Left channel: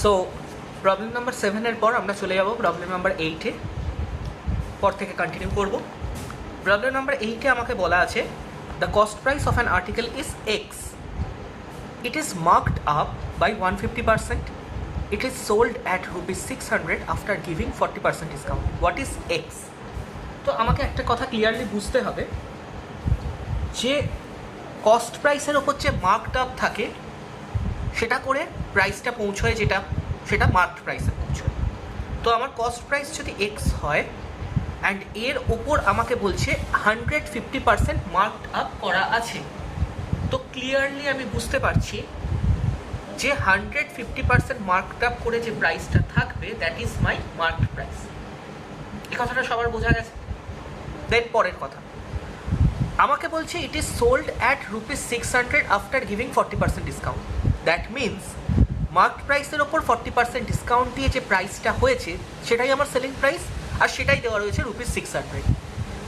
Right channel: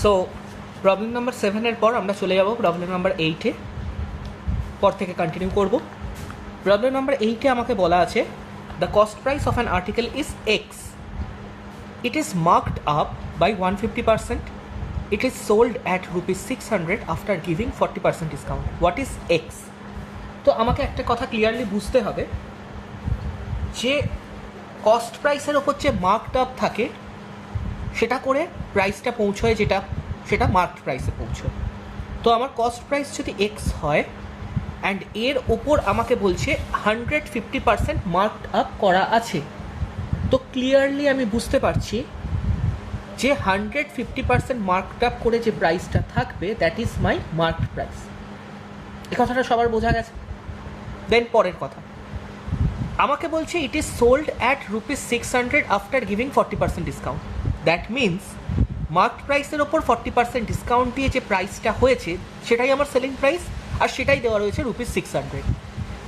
So problem number 7 এর পর আমরা চলে যাব প্রবলেম নাম্বার 8 এ, পর থেকে কন্টিনিউ করব। প্রবলেম নাম্বার 8 এ আমাকে বলা আছে the cost price of an article is x, it is marked up by 150%, it is sold at rupees 600 after giving 40% discount. What is X? তো আমাকে একটা কথা ক্লিয়ারলি বুঝতে হবে যে কস্ট প্রাইসের ওপর যে মার্কড আপ থাকে সেটা করে প্রাইসটা পৌঁছয় যেটা, সেটা মার্কড প্রাইসে পৌঁছয়। তো আমার কস্ট প্রাইস যদি এক্স হয় অ্যান্ড এর ওপর আমাকে বলছে 150% মার্কড আপ করা আছে, তো ক্লিয়ারলি আমি বুঝতে পারছি যে 150% মার্কড আপ করে যে প্রাইসটা থাকবে that is my marked price. এই কথাটা সবার বোঝা গেছে? দেন পরের কথা, আমাকে বলছে it is sold at rupees 600 after giving 40% discount. That means marked প্রাইসের ওপর 40% ডিসকাউন্ট দিয়ে যে প্রাইসটা হয়েছে সেটাই আমার সেলিং প্রাইস, আর সেটাই দেওয়া রয়েছে রুপিস 600।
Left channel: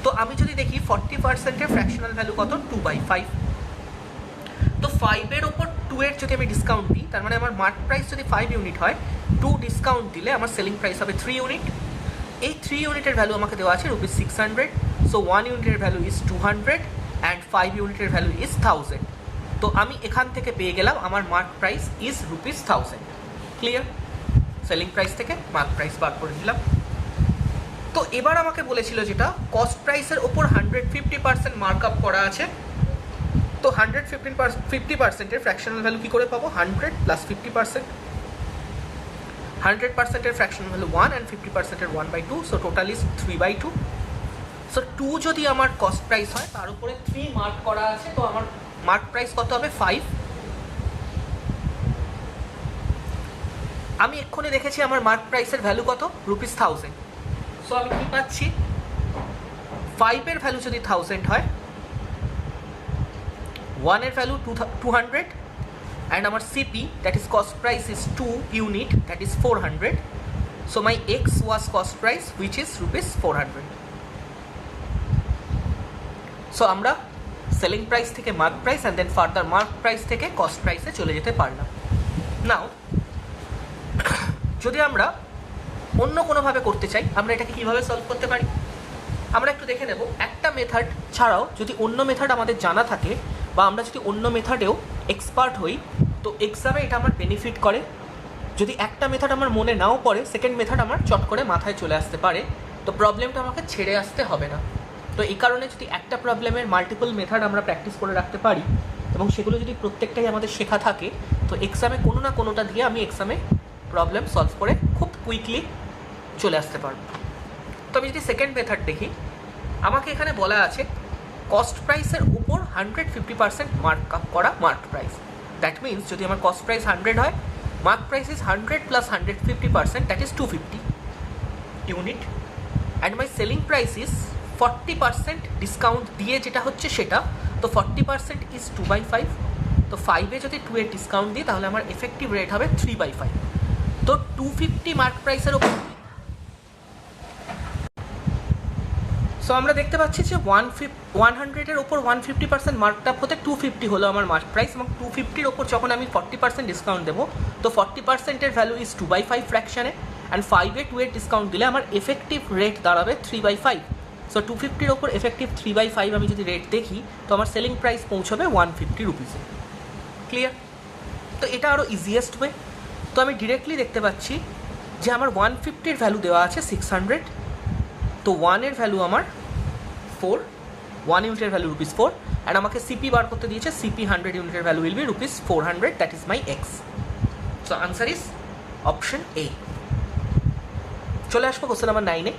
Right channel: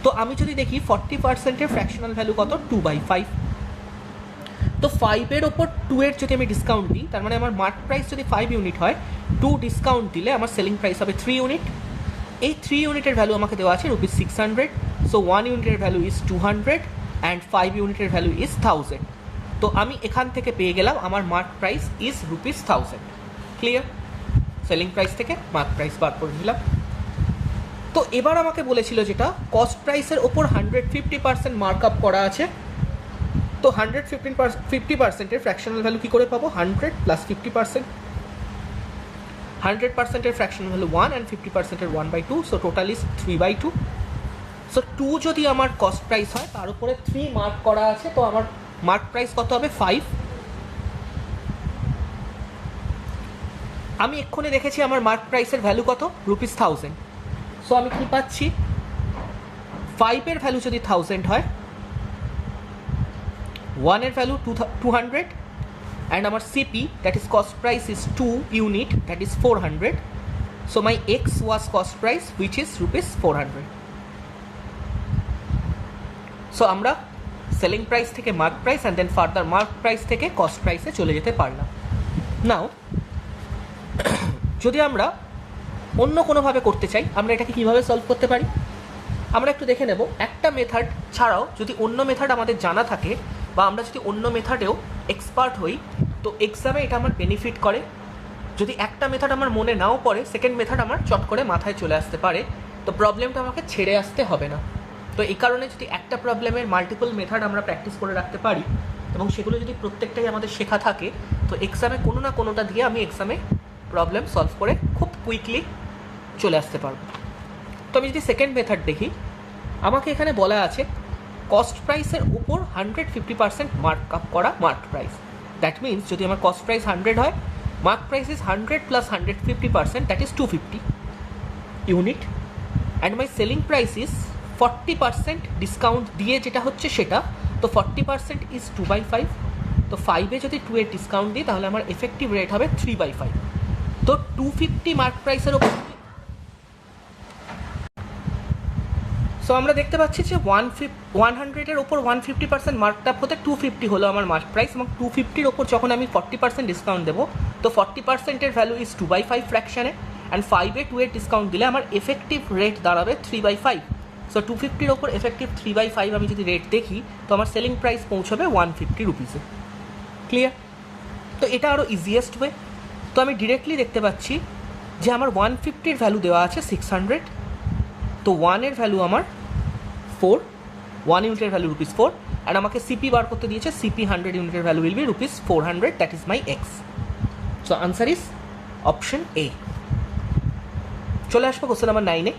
তো আমি যদি দেখি 40%-এর ফ্র্যাকশনাল ভ্যালু কত, 2/5। তো 5-এর ওপর 2-এর যদি আমি ডিসকাউন্ট দিই, তার মানে আমার মার্ক প্রাইস যদি 5 ইউনিট হয়, 2 ডিসকাউন্ট দিলে আমার সেলিং প্রাইস হবে 3 ইউনিট। এই 3 ইউনিটের ভ্যালু আমাকে দেওয়া আছে রুপিস 600, সো 1 ইউনিটের ভ্যালু ইজ 200 অ্যান্ড 5 ইউনিটের ভ্যালু ইজ 1000। তো আমি এখান থেকে পেয়ে গেলাম আমার mark price is rupees 1000। Clear? Selling price থেকে মার্ক প্রাইস বার করে নিলাম। তো এবার আমাকে বলেছিল যেটা কস্ট প্রাইসের ওপর 150% মার্ক আপ করা আছে, তো 150%-এর ফ্র্যাকশনাল ভ্যালু কী করে পাবো? 100 প্লাস 50%। 100%-এর ফ্র্যাকশনাল ভ্যালু 1 অ্যান্ড 50%-এর 1/2, সো টোটাল ইজ 3/2। সো 2 যদি আমার কস্ট প্রাইস হয়, তার উপরে 3 মার্ক করা আছে, তো আমার মার্ক প্রাইস কত হবে? 5। আমি এক্ষুনি দেখেছি আমার মার্ক প্রাইসের ভ্যালু কত, রুপিস 1000। সো আমি কি পাচ্ছি, 5-এর ভ্যালু যদি 1000 হয়, 1-এর value 200 and our CP, that is cost price, is 2 unit, that is 400. So my X was cost price, which is rupees 400. So আমরা selling price থেকে mark price and then further mark price থেকে cost price এ চলে যেতে পারলাম। নাও যদি আমরা অন্য কোনোভাবে করতে চাই, আমরা এটাকে কীভাবে সলভ করতে পারি আমরা একটু দেখে নেব। একটা মেথড ছাড়াও যদি অন্য মেথড আমাদের জানা থাকে, বা আমরা যদি অন্য মেথডেও এক্সপার্ট হই, তো এক্সামে এটা আমার বেনিফিট করে। যদি একটা মেথড আমার মনে নাও পড়ে, সেকেন্ড মেথড আমার চট করে মাথায় চলে আসতে পারে, তো প্রবলেমটা আমাকে ছেড়ে আসতে হবে না। তো এই কারণে যদি একটা প্রবলেমের মাল্টিপল মেথড আমরা প্র্যাকটিস করে রাখতে পারি এবং সেগুলো যদি প্রত্যেকটাই আমাদের শেখা থাকে, তো এক্সামে কোনো না কোনোটা দিয়ে আমি এক্সামে প্রবলেম সলভ করে খুব কুইকলি চলে আসতে পারবো। তো আমি যদি সেকেন্ড মেথড দেখি, আমাকে এখানে বলা আছে কস্ট প্রাইসের উপর 150% মার্ক আপ করা মার্ক প্রাইস। দ্যাট মিনস যদি আমার কস্ট প্রাইস 100 হয়, mark price is 100 plus 150%, that is 250 unit, and my selling price is 40% discount দিয়ে যেটা হচ্ছে সেটা, তো 40% ইজ 2/5। তো 5-এ যদি 2-এর ডিসকাউন্ট দিই, তাহলে আমার এফেক্টিভ রেট হবে 3/5। তো 250 মার্ক প্রাইসের ওপর, সো আমরা দেখতে পাচ্ছি যে 100-এর ওপর 150% মার্কড আপ হতে 250 হলো আমার মার্ক প্রাইস, এবং 250-র ওপর যখন আমি 40% ডিসকাউন্ট দেবো, তো 40%-এর ভ্যালু ইজ 2/5 ফ্র্যাকশানে, অ্যান্ড 5-এ 2-এর ডিসকাউন্ট দিলে আমার এফেক্টিভ রেট দাঁড়াবে 3/5। সো 250-র ওপর এফেক্টিভ 3/5 আমি যদি রেট দেখি, তো আমার সেলিং প্রাইস পৌঁছবে 150 রুপিসে। ক্লিয়ার? তো এটা আরও ইজিয়েস্ট ওয়ে। তো আমি ডিরেক্টলি দেখতে পাচ্ছি যে আমার 150-র ভ্যালু দেওয়া আছে 600, তো 1-এর ভ্যালু আমার 4, 1 ইউনিটের ভ্যালু রুপিস 4, অ্যান্ড আমাকে সিপি বার করতে দিয়েছে, সিপি 100 ইউনিটের value will be rupees 400, that is my x. So answer is option A. চলে আসবো কোশ্চেন নাম্বার 9-এ।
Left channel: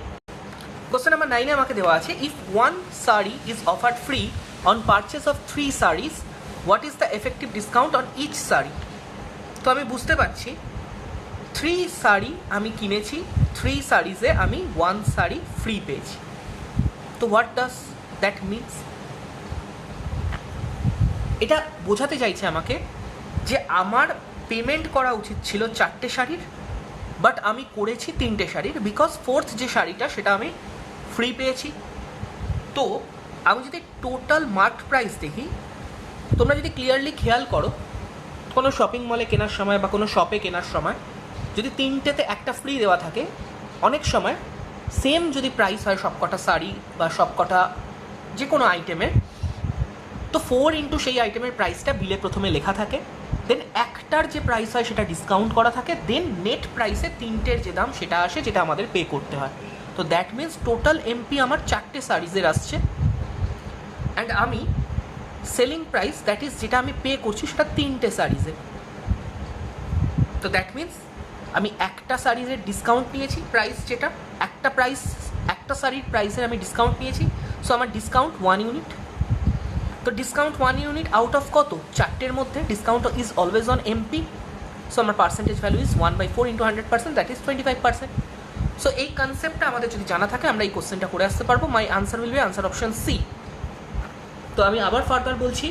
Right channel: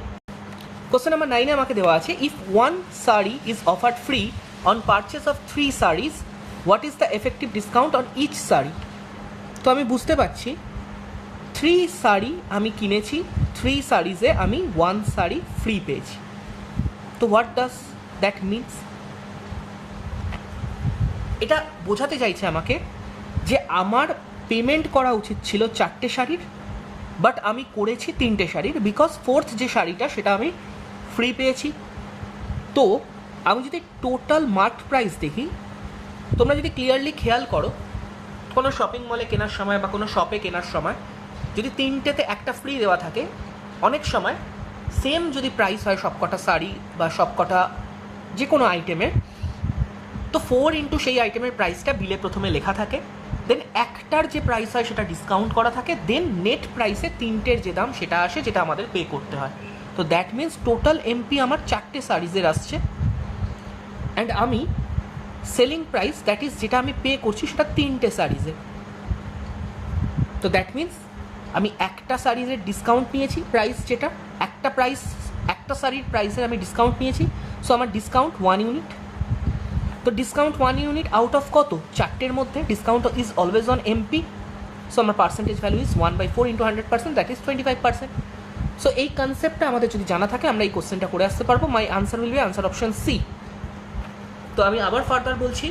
কোশ্চেন নাম্বার 9-এ আমাকে দেওয়া আছে if 1 sari is offered free on purchase of 3 saris, what is the effective discount on each sari. তো আমি বুঝতে পারছি 3 শাড়ি আমি কিনেছি, 3 শাড়িজে আমি 1 শাড়ি ফ্রি পেয়েছি। তো হোয়াট ডাজ দ্যাট মিনস? এটা বোঝাতে চাইছে আমাকে যে আমার পেমেন্ট করা উচিত ছিল 4টে শাড়ির, বাট আমি করেছি 3টে শাড়ির, বিকজ 4th যে শাড়িটা সেটা আমি ফ্রি পেয়েছি। তো আমি যদি টোটাল মার্ক প্রাইস দেখি, তোমরা যদি ক্লিয়ারলি খেয়াল করো, কোনো শপিং মলে কেনার সময় বা কোনো শপে কেনার সময় যদি তিনটেতে একটা ফ্রি দেওয়া থাকে, অনেক সময় সেম যদি প্রাইস হয় সবকটা শাড়ি বা সবকটা যে কোনো আইটেমের, তো 4 ইন্টু সেই আইটেমের প্রাইসটা বিলে প্রথমে লেখা থাকে, দেন একটার যে প্রাইস হয় সেটা ডিসকাউন্ট করা থাকে, দেন নেট প্রাইসে তিনটের যে দাম সেটা আসে, যেটা আমাদের পে করতে হয়। তো দ্যাট মিনস টোটাল এমপি আমার 4টে শাড়িজের আসছে, অ্যান্ড আমি সেলিং প্রাইস দ্যাট ইজ যেটা আমি পে করছি সেটা 3টে শাড়িজের। তো দ্যাট মিনস আমি একটা শাড়ির ডিসকাউন্ট নিয়েছি, প্রাইস যেটা একটা শাড়ির প্রাইসের আমি ডিসকাউন্ট নিয়েছি। সো আমার ডিসকাউন্ট 1 ইউনিট। তো ডিসকাউন্ট 1 ইউনিট আউট অফ কত? 4টের মধ্যে। Discount is always on MP. So আমার percentage value is 1/4 into 100%, that is 25%। So এই কনসেপ্টটা আমাদের যদি জানা থাকে আমরা এই কোশ্চেনটা করে আসতে পারবো। My answer will be answer option C. তো আমি আবার ফার্দার বলছি,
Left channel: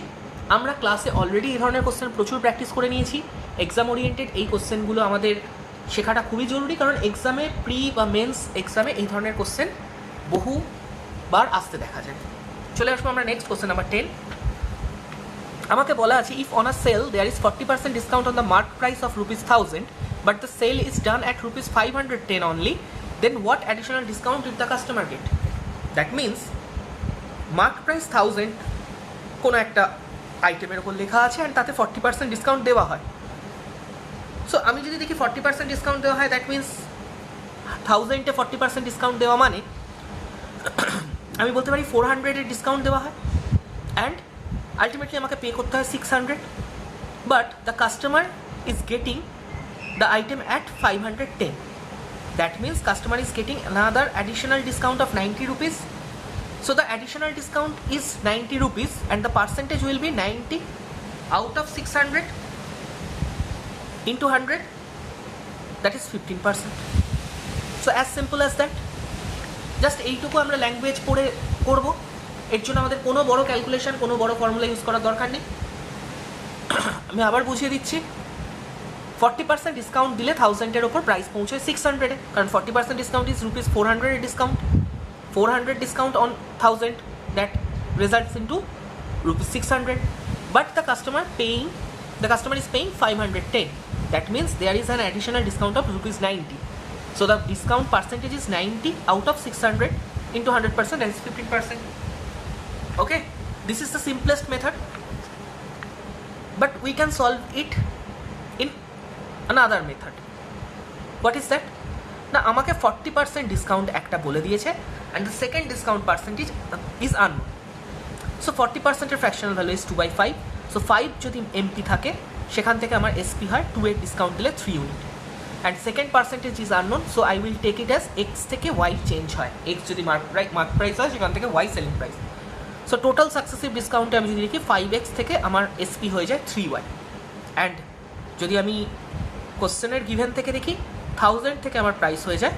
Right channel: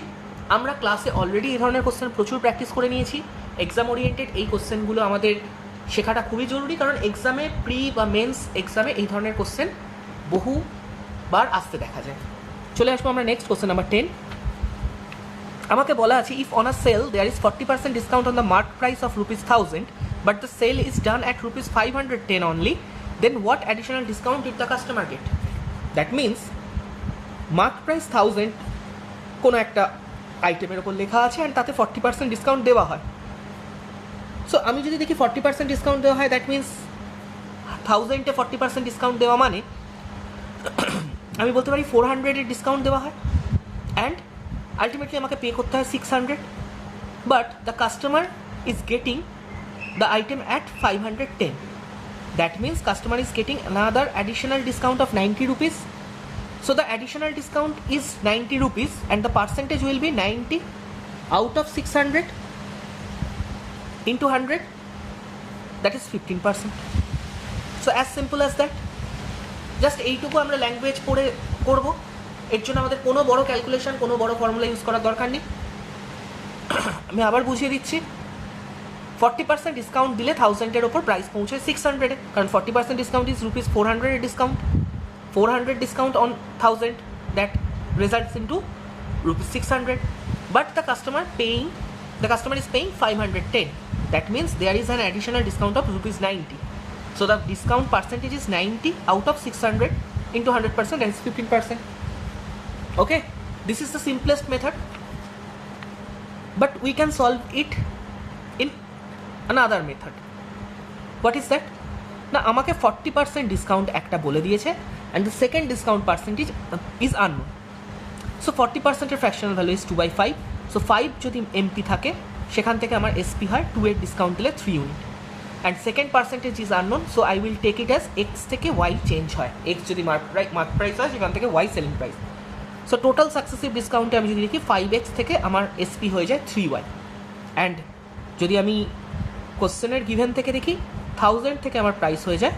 আমরা ক্লাসে অলরেডি এই ধরনের কোশ্চেন প্রচুর প্র্যাকটিস করে নিয়েছি। এক্সাম ওরিয়েন্টেড এই কোশ্চেনগুলো আমাদের শেখাটা খুবই জরুরি, কারণ এক্সামে প্রি বা মেন্স এক্সামে এই ধরনের কোশ্চেন বহুবার আসতে দেখা যায়। চলে আসবো আমরা নেক্সট কোশ্চেন নাম্বার 10। আমাকে বলা আছে, if on a sale there is 40% discount on the mark price of ₹1000 but the sale is done at ₹510 only, then what additional discount did the customer get? That means mark price 1000 কোনো একটা আইটেমের ওপর লেখা আছে and তাতে 40% discount দেওয়া হয়। So আমি যদি দেখি 40% ডিসকাউন্ট দেওয়া হয়, দ্যাট মিনস 1000-এ 40% ডিসকাউন্ট দেওয়া মানে আমি বলতে পারি 400-এর ডিসকাউন্ট দেওয়া হয়, অ্যান্ড আলটিমেটলি আমাকে পে করতে হয় 600, but the customer is getting the item at 510. That means customer is getting another additional discount of 90 rupees. So the additional discount is 90 rupees and the percentage will be 90 out of 600 into 100, that is 15%. So as simple as that. Just এইটুকু আমরা language পড়ে করবো, এর জন্য আমাদের কোনো বড় calculation, কোনো বড় ফর্মুলা ইউজ করার দরকার নেই। আমি আবার বুঝিয়ে দিচ্ছি, 40% ডিসকাউন্ট দিলে 1000-এর ওপর প্রাইস পৌঁছে 600-এ, কারণ 40% ডিসকাউন্ট ইজ ₹400-এর discount. 400 discount on 1000, that results into ₹600, but the customer is paying 510. That means there is an additional discount of ₹90. So the discount percentage is 90 out of 600 into 100%, that is 15%. Okay, this is the simplest method, but we can solve it in another method. What is that? না, আমাকে 40% discount একটা বলে দিয়েছে, and the second discount percentage is unknown. So 40%-এর fractional value is 2/5. So 5 যদি MP থাকে সেখান থেকে আমার এসপি হয় 2-এর ডিসকাউন্ট দিলে 3 unit, and second percentage is unknown, so I will take it as x থেকে y চেঞ্জ হয়। x যদি মার্ক প্রাইস হয় সেখান থেকে y selling price. So total successive ডিসকাউন্টে আমি যদি দেখি 5x থেকে আমার এসপি হয়ে যায় 3y, অ্যান্ড যদি আমি কোশ্চেনের গিভেন থেকে দেখি 1000 থেকে আমার প্রাইস হয়ে যায়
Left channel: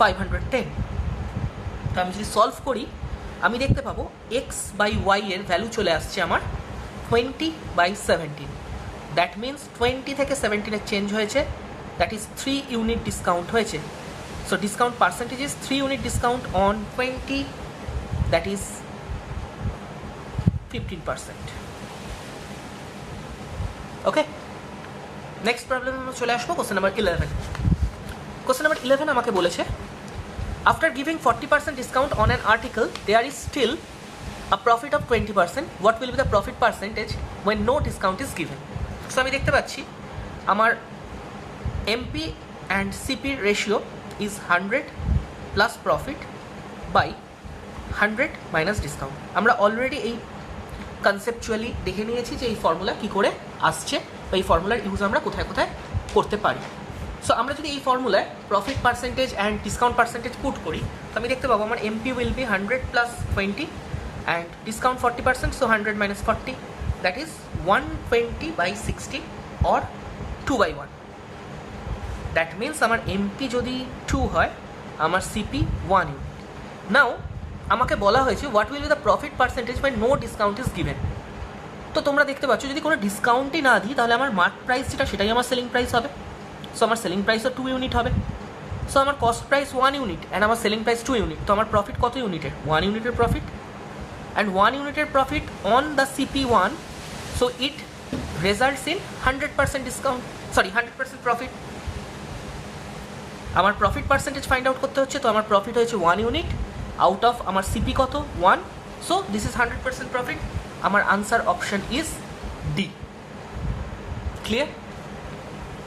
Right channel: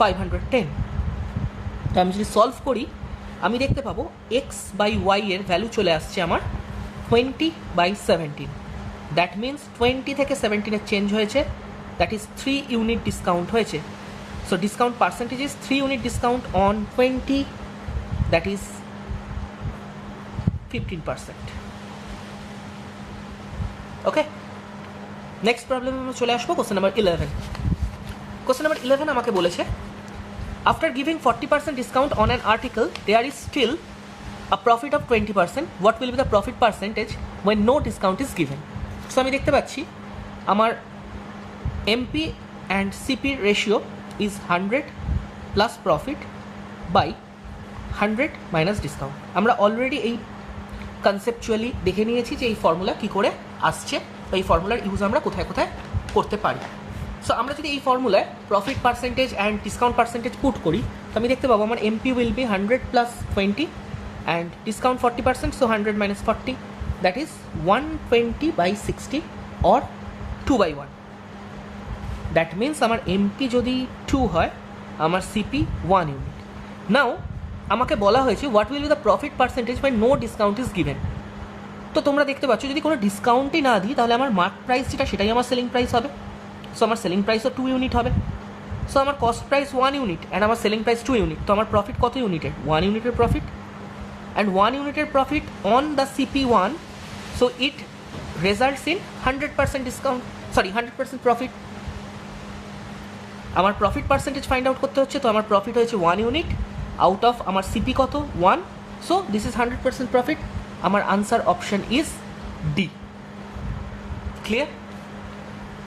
510। তো আমি যদি সলভ করি আমি দেখতে পাবো x/y এর ভ্যালু চলে আসছে আমার 20/17। দ্যাট মিনস 20 থেকে 17-এর চেঞ্জ হয়েছে, দ্যাট ইজ 3 ইউনিট ডিসকাউন্ট হয়েছে। So discount percentage is 3 unit discount on 20, that is 15%। Okay, next problem আমরা চলে আসবো কোশ্চেন নাম্বার 11। কোশ্চেন নাম্বার 11 আমাকে বলেছে, after giving 40% discount on an article there is still a profit of 20%, what will be the profit percentage when no discount is given? So আমি দেখতে পাচ্ছি আমার MP and সিপির ratio is 100 plus profit by 100 minus discount. আমরা already এই conceptually দেখে নিয়েছি যে এই ফর্মুলা কী করে আসছে বা এই ফর্মুলার ইউজ আমরা কোথায় কোথায় করতে পারি। সো আমরা যদি এই ফর্মুলায় profit percentage and discount percentage put করি তো আমি দেখতে পাবো আমার MP will be 100 plus 20 and discount 40%, so 100 minus 40, that is 120/60 or 2/1। That means আমার এমপি যদি 2 হয় আমার সিপি 1 ইউনিট। নাও আমাকে বলা হয়েছে what will be the profit percentage by no discount is given. তো তোমরা দেখতে পাচ্ছ যদি কোনো ডিসকাউন্টই না দিই তাহলে আমার মার্ক প্রাইস যেটা সেটাই আমার সেলিং প্রাইস হবে। সো আমার সেলিং প্রাইসও 2 ইউনিট হবে। সো আমার কস্ট প্রাইস 1 ইউনিট অ্যান্ড আমার সেলিং প্রাইস 2 ইউনিট। তো আমার প্রফিট কত ইউনিটের? 1 ইউনিটের প্রফিট, অ্যান্ড 1 ইউনিটের profit on the CP1, so it results in 100% discount, 100% profit. আমার প্রফিট পার্সেন্টেজ ফাইন্ড আউট করতে হচ্ছে, তো আমার প্রফিট হয়েছে 1 ইউনিট আউট অফ আমার সিপি কত 1, সো দিস ইজ 100% প্রফিট। আমার answer option is D. Clear?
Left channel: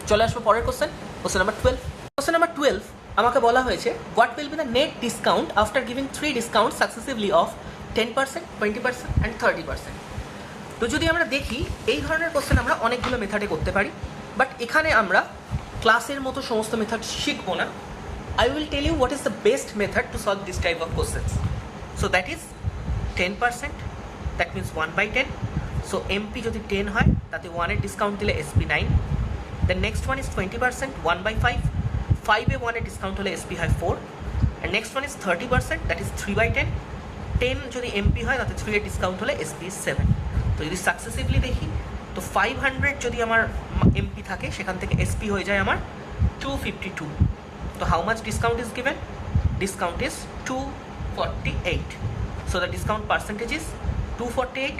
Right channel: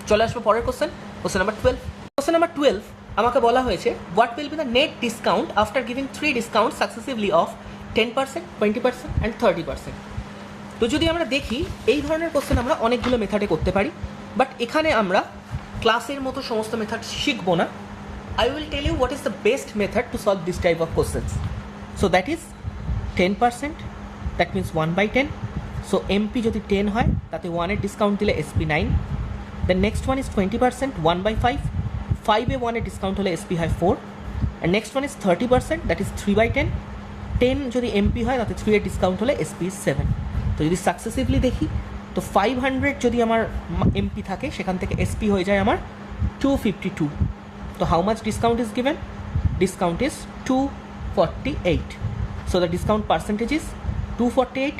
চলে আসবো পরের question, question number 12। Question number 12 আমাকে বলা হয়েছে what will be the net discount after giving 3 discount successively of 10%, 20% and 30%। তো যদি আমরা দেখি এই ধরনের কোশ্চেন আমরা অনেকগুলো মেথডে করতে পারি, বাট এখানে আমরা ক্লাসের মতো সমস্ত মেথড শিখবো না। I will tell you what is the best method to solve this type of questions. So that is 10%, that means 1/10. So MP যদি 10 হয় তাতে 1 এর ডিসকাউন্ট দিলে SP 9. The next one is 20%, 1/5. 5 এ 1 এর ডিসকাউন্ট হলে SP হয় 4. And next one is 30%, that is 3/10. 10 যদি MP হয় তাতে 3 এর ডিসকাউন্ট হলে SP is 7. তো যদি সাকসেসিভলি দেখি তো 500 যদি আমার MP থাকে সেখান থেকে SP হয়ে যায় আমার 252. So how much discount is given? Discount is 248. So the discount percentage is 248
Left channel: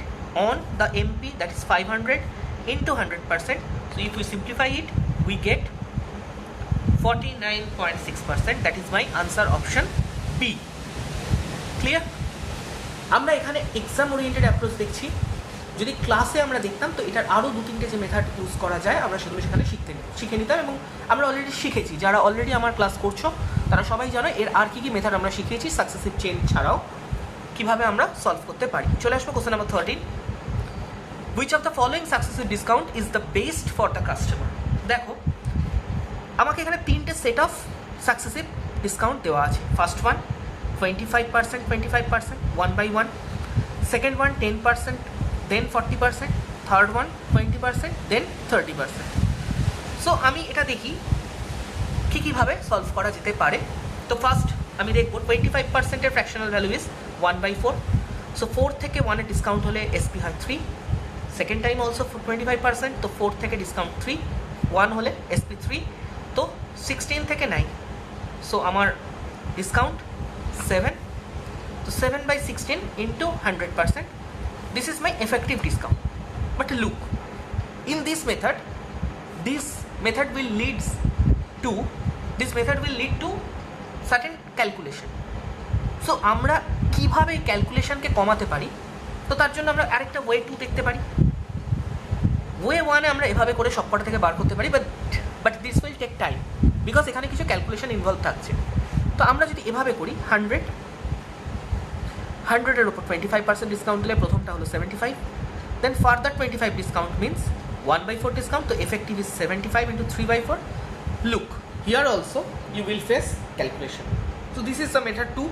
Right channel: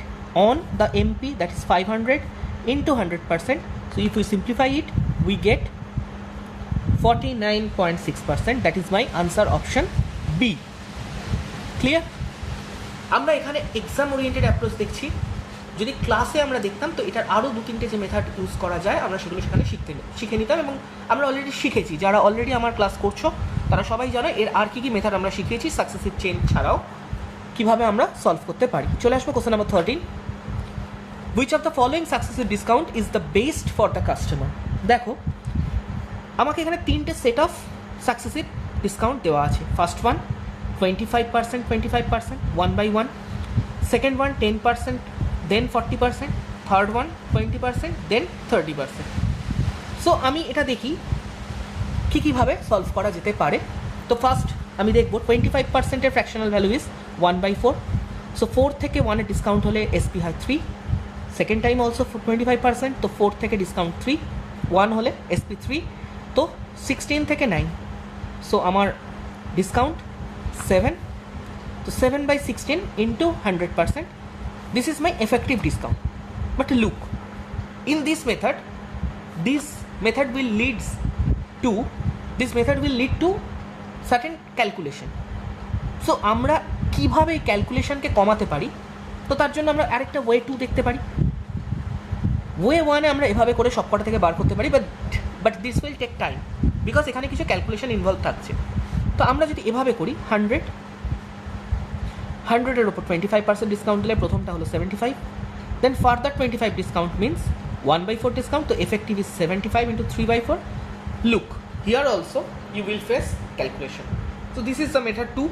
on the MP, that is 500 into 100%. So if we simplify it, we get 49.6%. That is my answer option B. Clear? আমরা এখানে exam oriented approach দেখছি। যদি ক্লাসে আমরা দেখতাম তো এটার আরও 2-3টে যে মেথড ইউজ করা যায় আমরা সেগুলো সেখানে শিখে নিতাম, এবং আমরা অলরেডি শিখেছি। যারা অলরেডি আমার ক্লাস করছো তারা সবাই জানো এর আর কী কী মেথড আমরা শিখিয়েছি সাকসেসিভ চেইন ছাড়াও কীভাবে আমরা সলভ করতে পারি। চলে আসবো question number 13। Which of the following successive discount is the best for the customer? দেখো আমাকে এখানে 3টে সেট অফ সাকসেসিভ ডিসকাউন্ট দেওয়া আছে। First one 25%, 25%, 1/1. Second one 10%, then 40%, third one 20%, then 30%. So আমি এটা দেখি কীভাবে সলভ করা যেতে পারে। তো ফার্স্ট আমি দেখব 25%-এর ফ্র্যাকশনাল ভ্যালু ইজ 1/4. সো 4 থেকে 1 এর ডিসকাউন্ট হলে SP হয় 3. সেকেন্ড টাইম অলসো 25%, তো 4 থেকে ডিসকাউন্ট 3, 1 হলে SP 3. তো 16 থেকে 9, সো আমার ডিসকাউন্ট 7. তো 7/16 into 100%. This is my effective discount. But look, in this method will lead to certain calculation. So আমরা কিভাবে এই ক্যালকুলেশনকে কমাতে পারি, তো তার জন্য আমরা আরেকটা ওয়ে 2 দেখতে পারি। ওয়ে 1 আমরা এভাবে করে সবকটা থেকে বার করতে পারি, but this will take time because এখানে কিছু ক্যালকুলেশন ইনভলভ থাকছে। তো আমরা যদি এভাবে করি 100-এর ওপর 25% ডিসকাউন্ট দিলে প্রথমটা হলো 75, then further 25 discount means 1/4 discount, তো effective is 75 into 3/4. Look here also you will face calculation. So this is the method 2।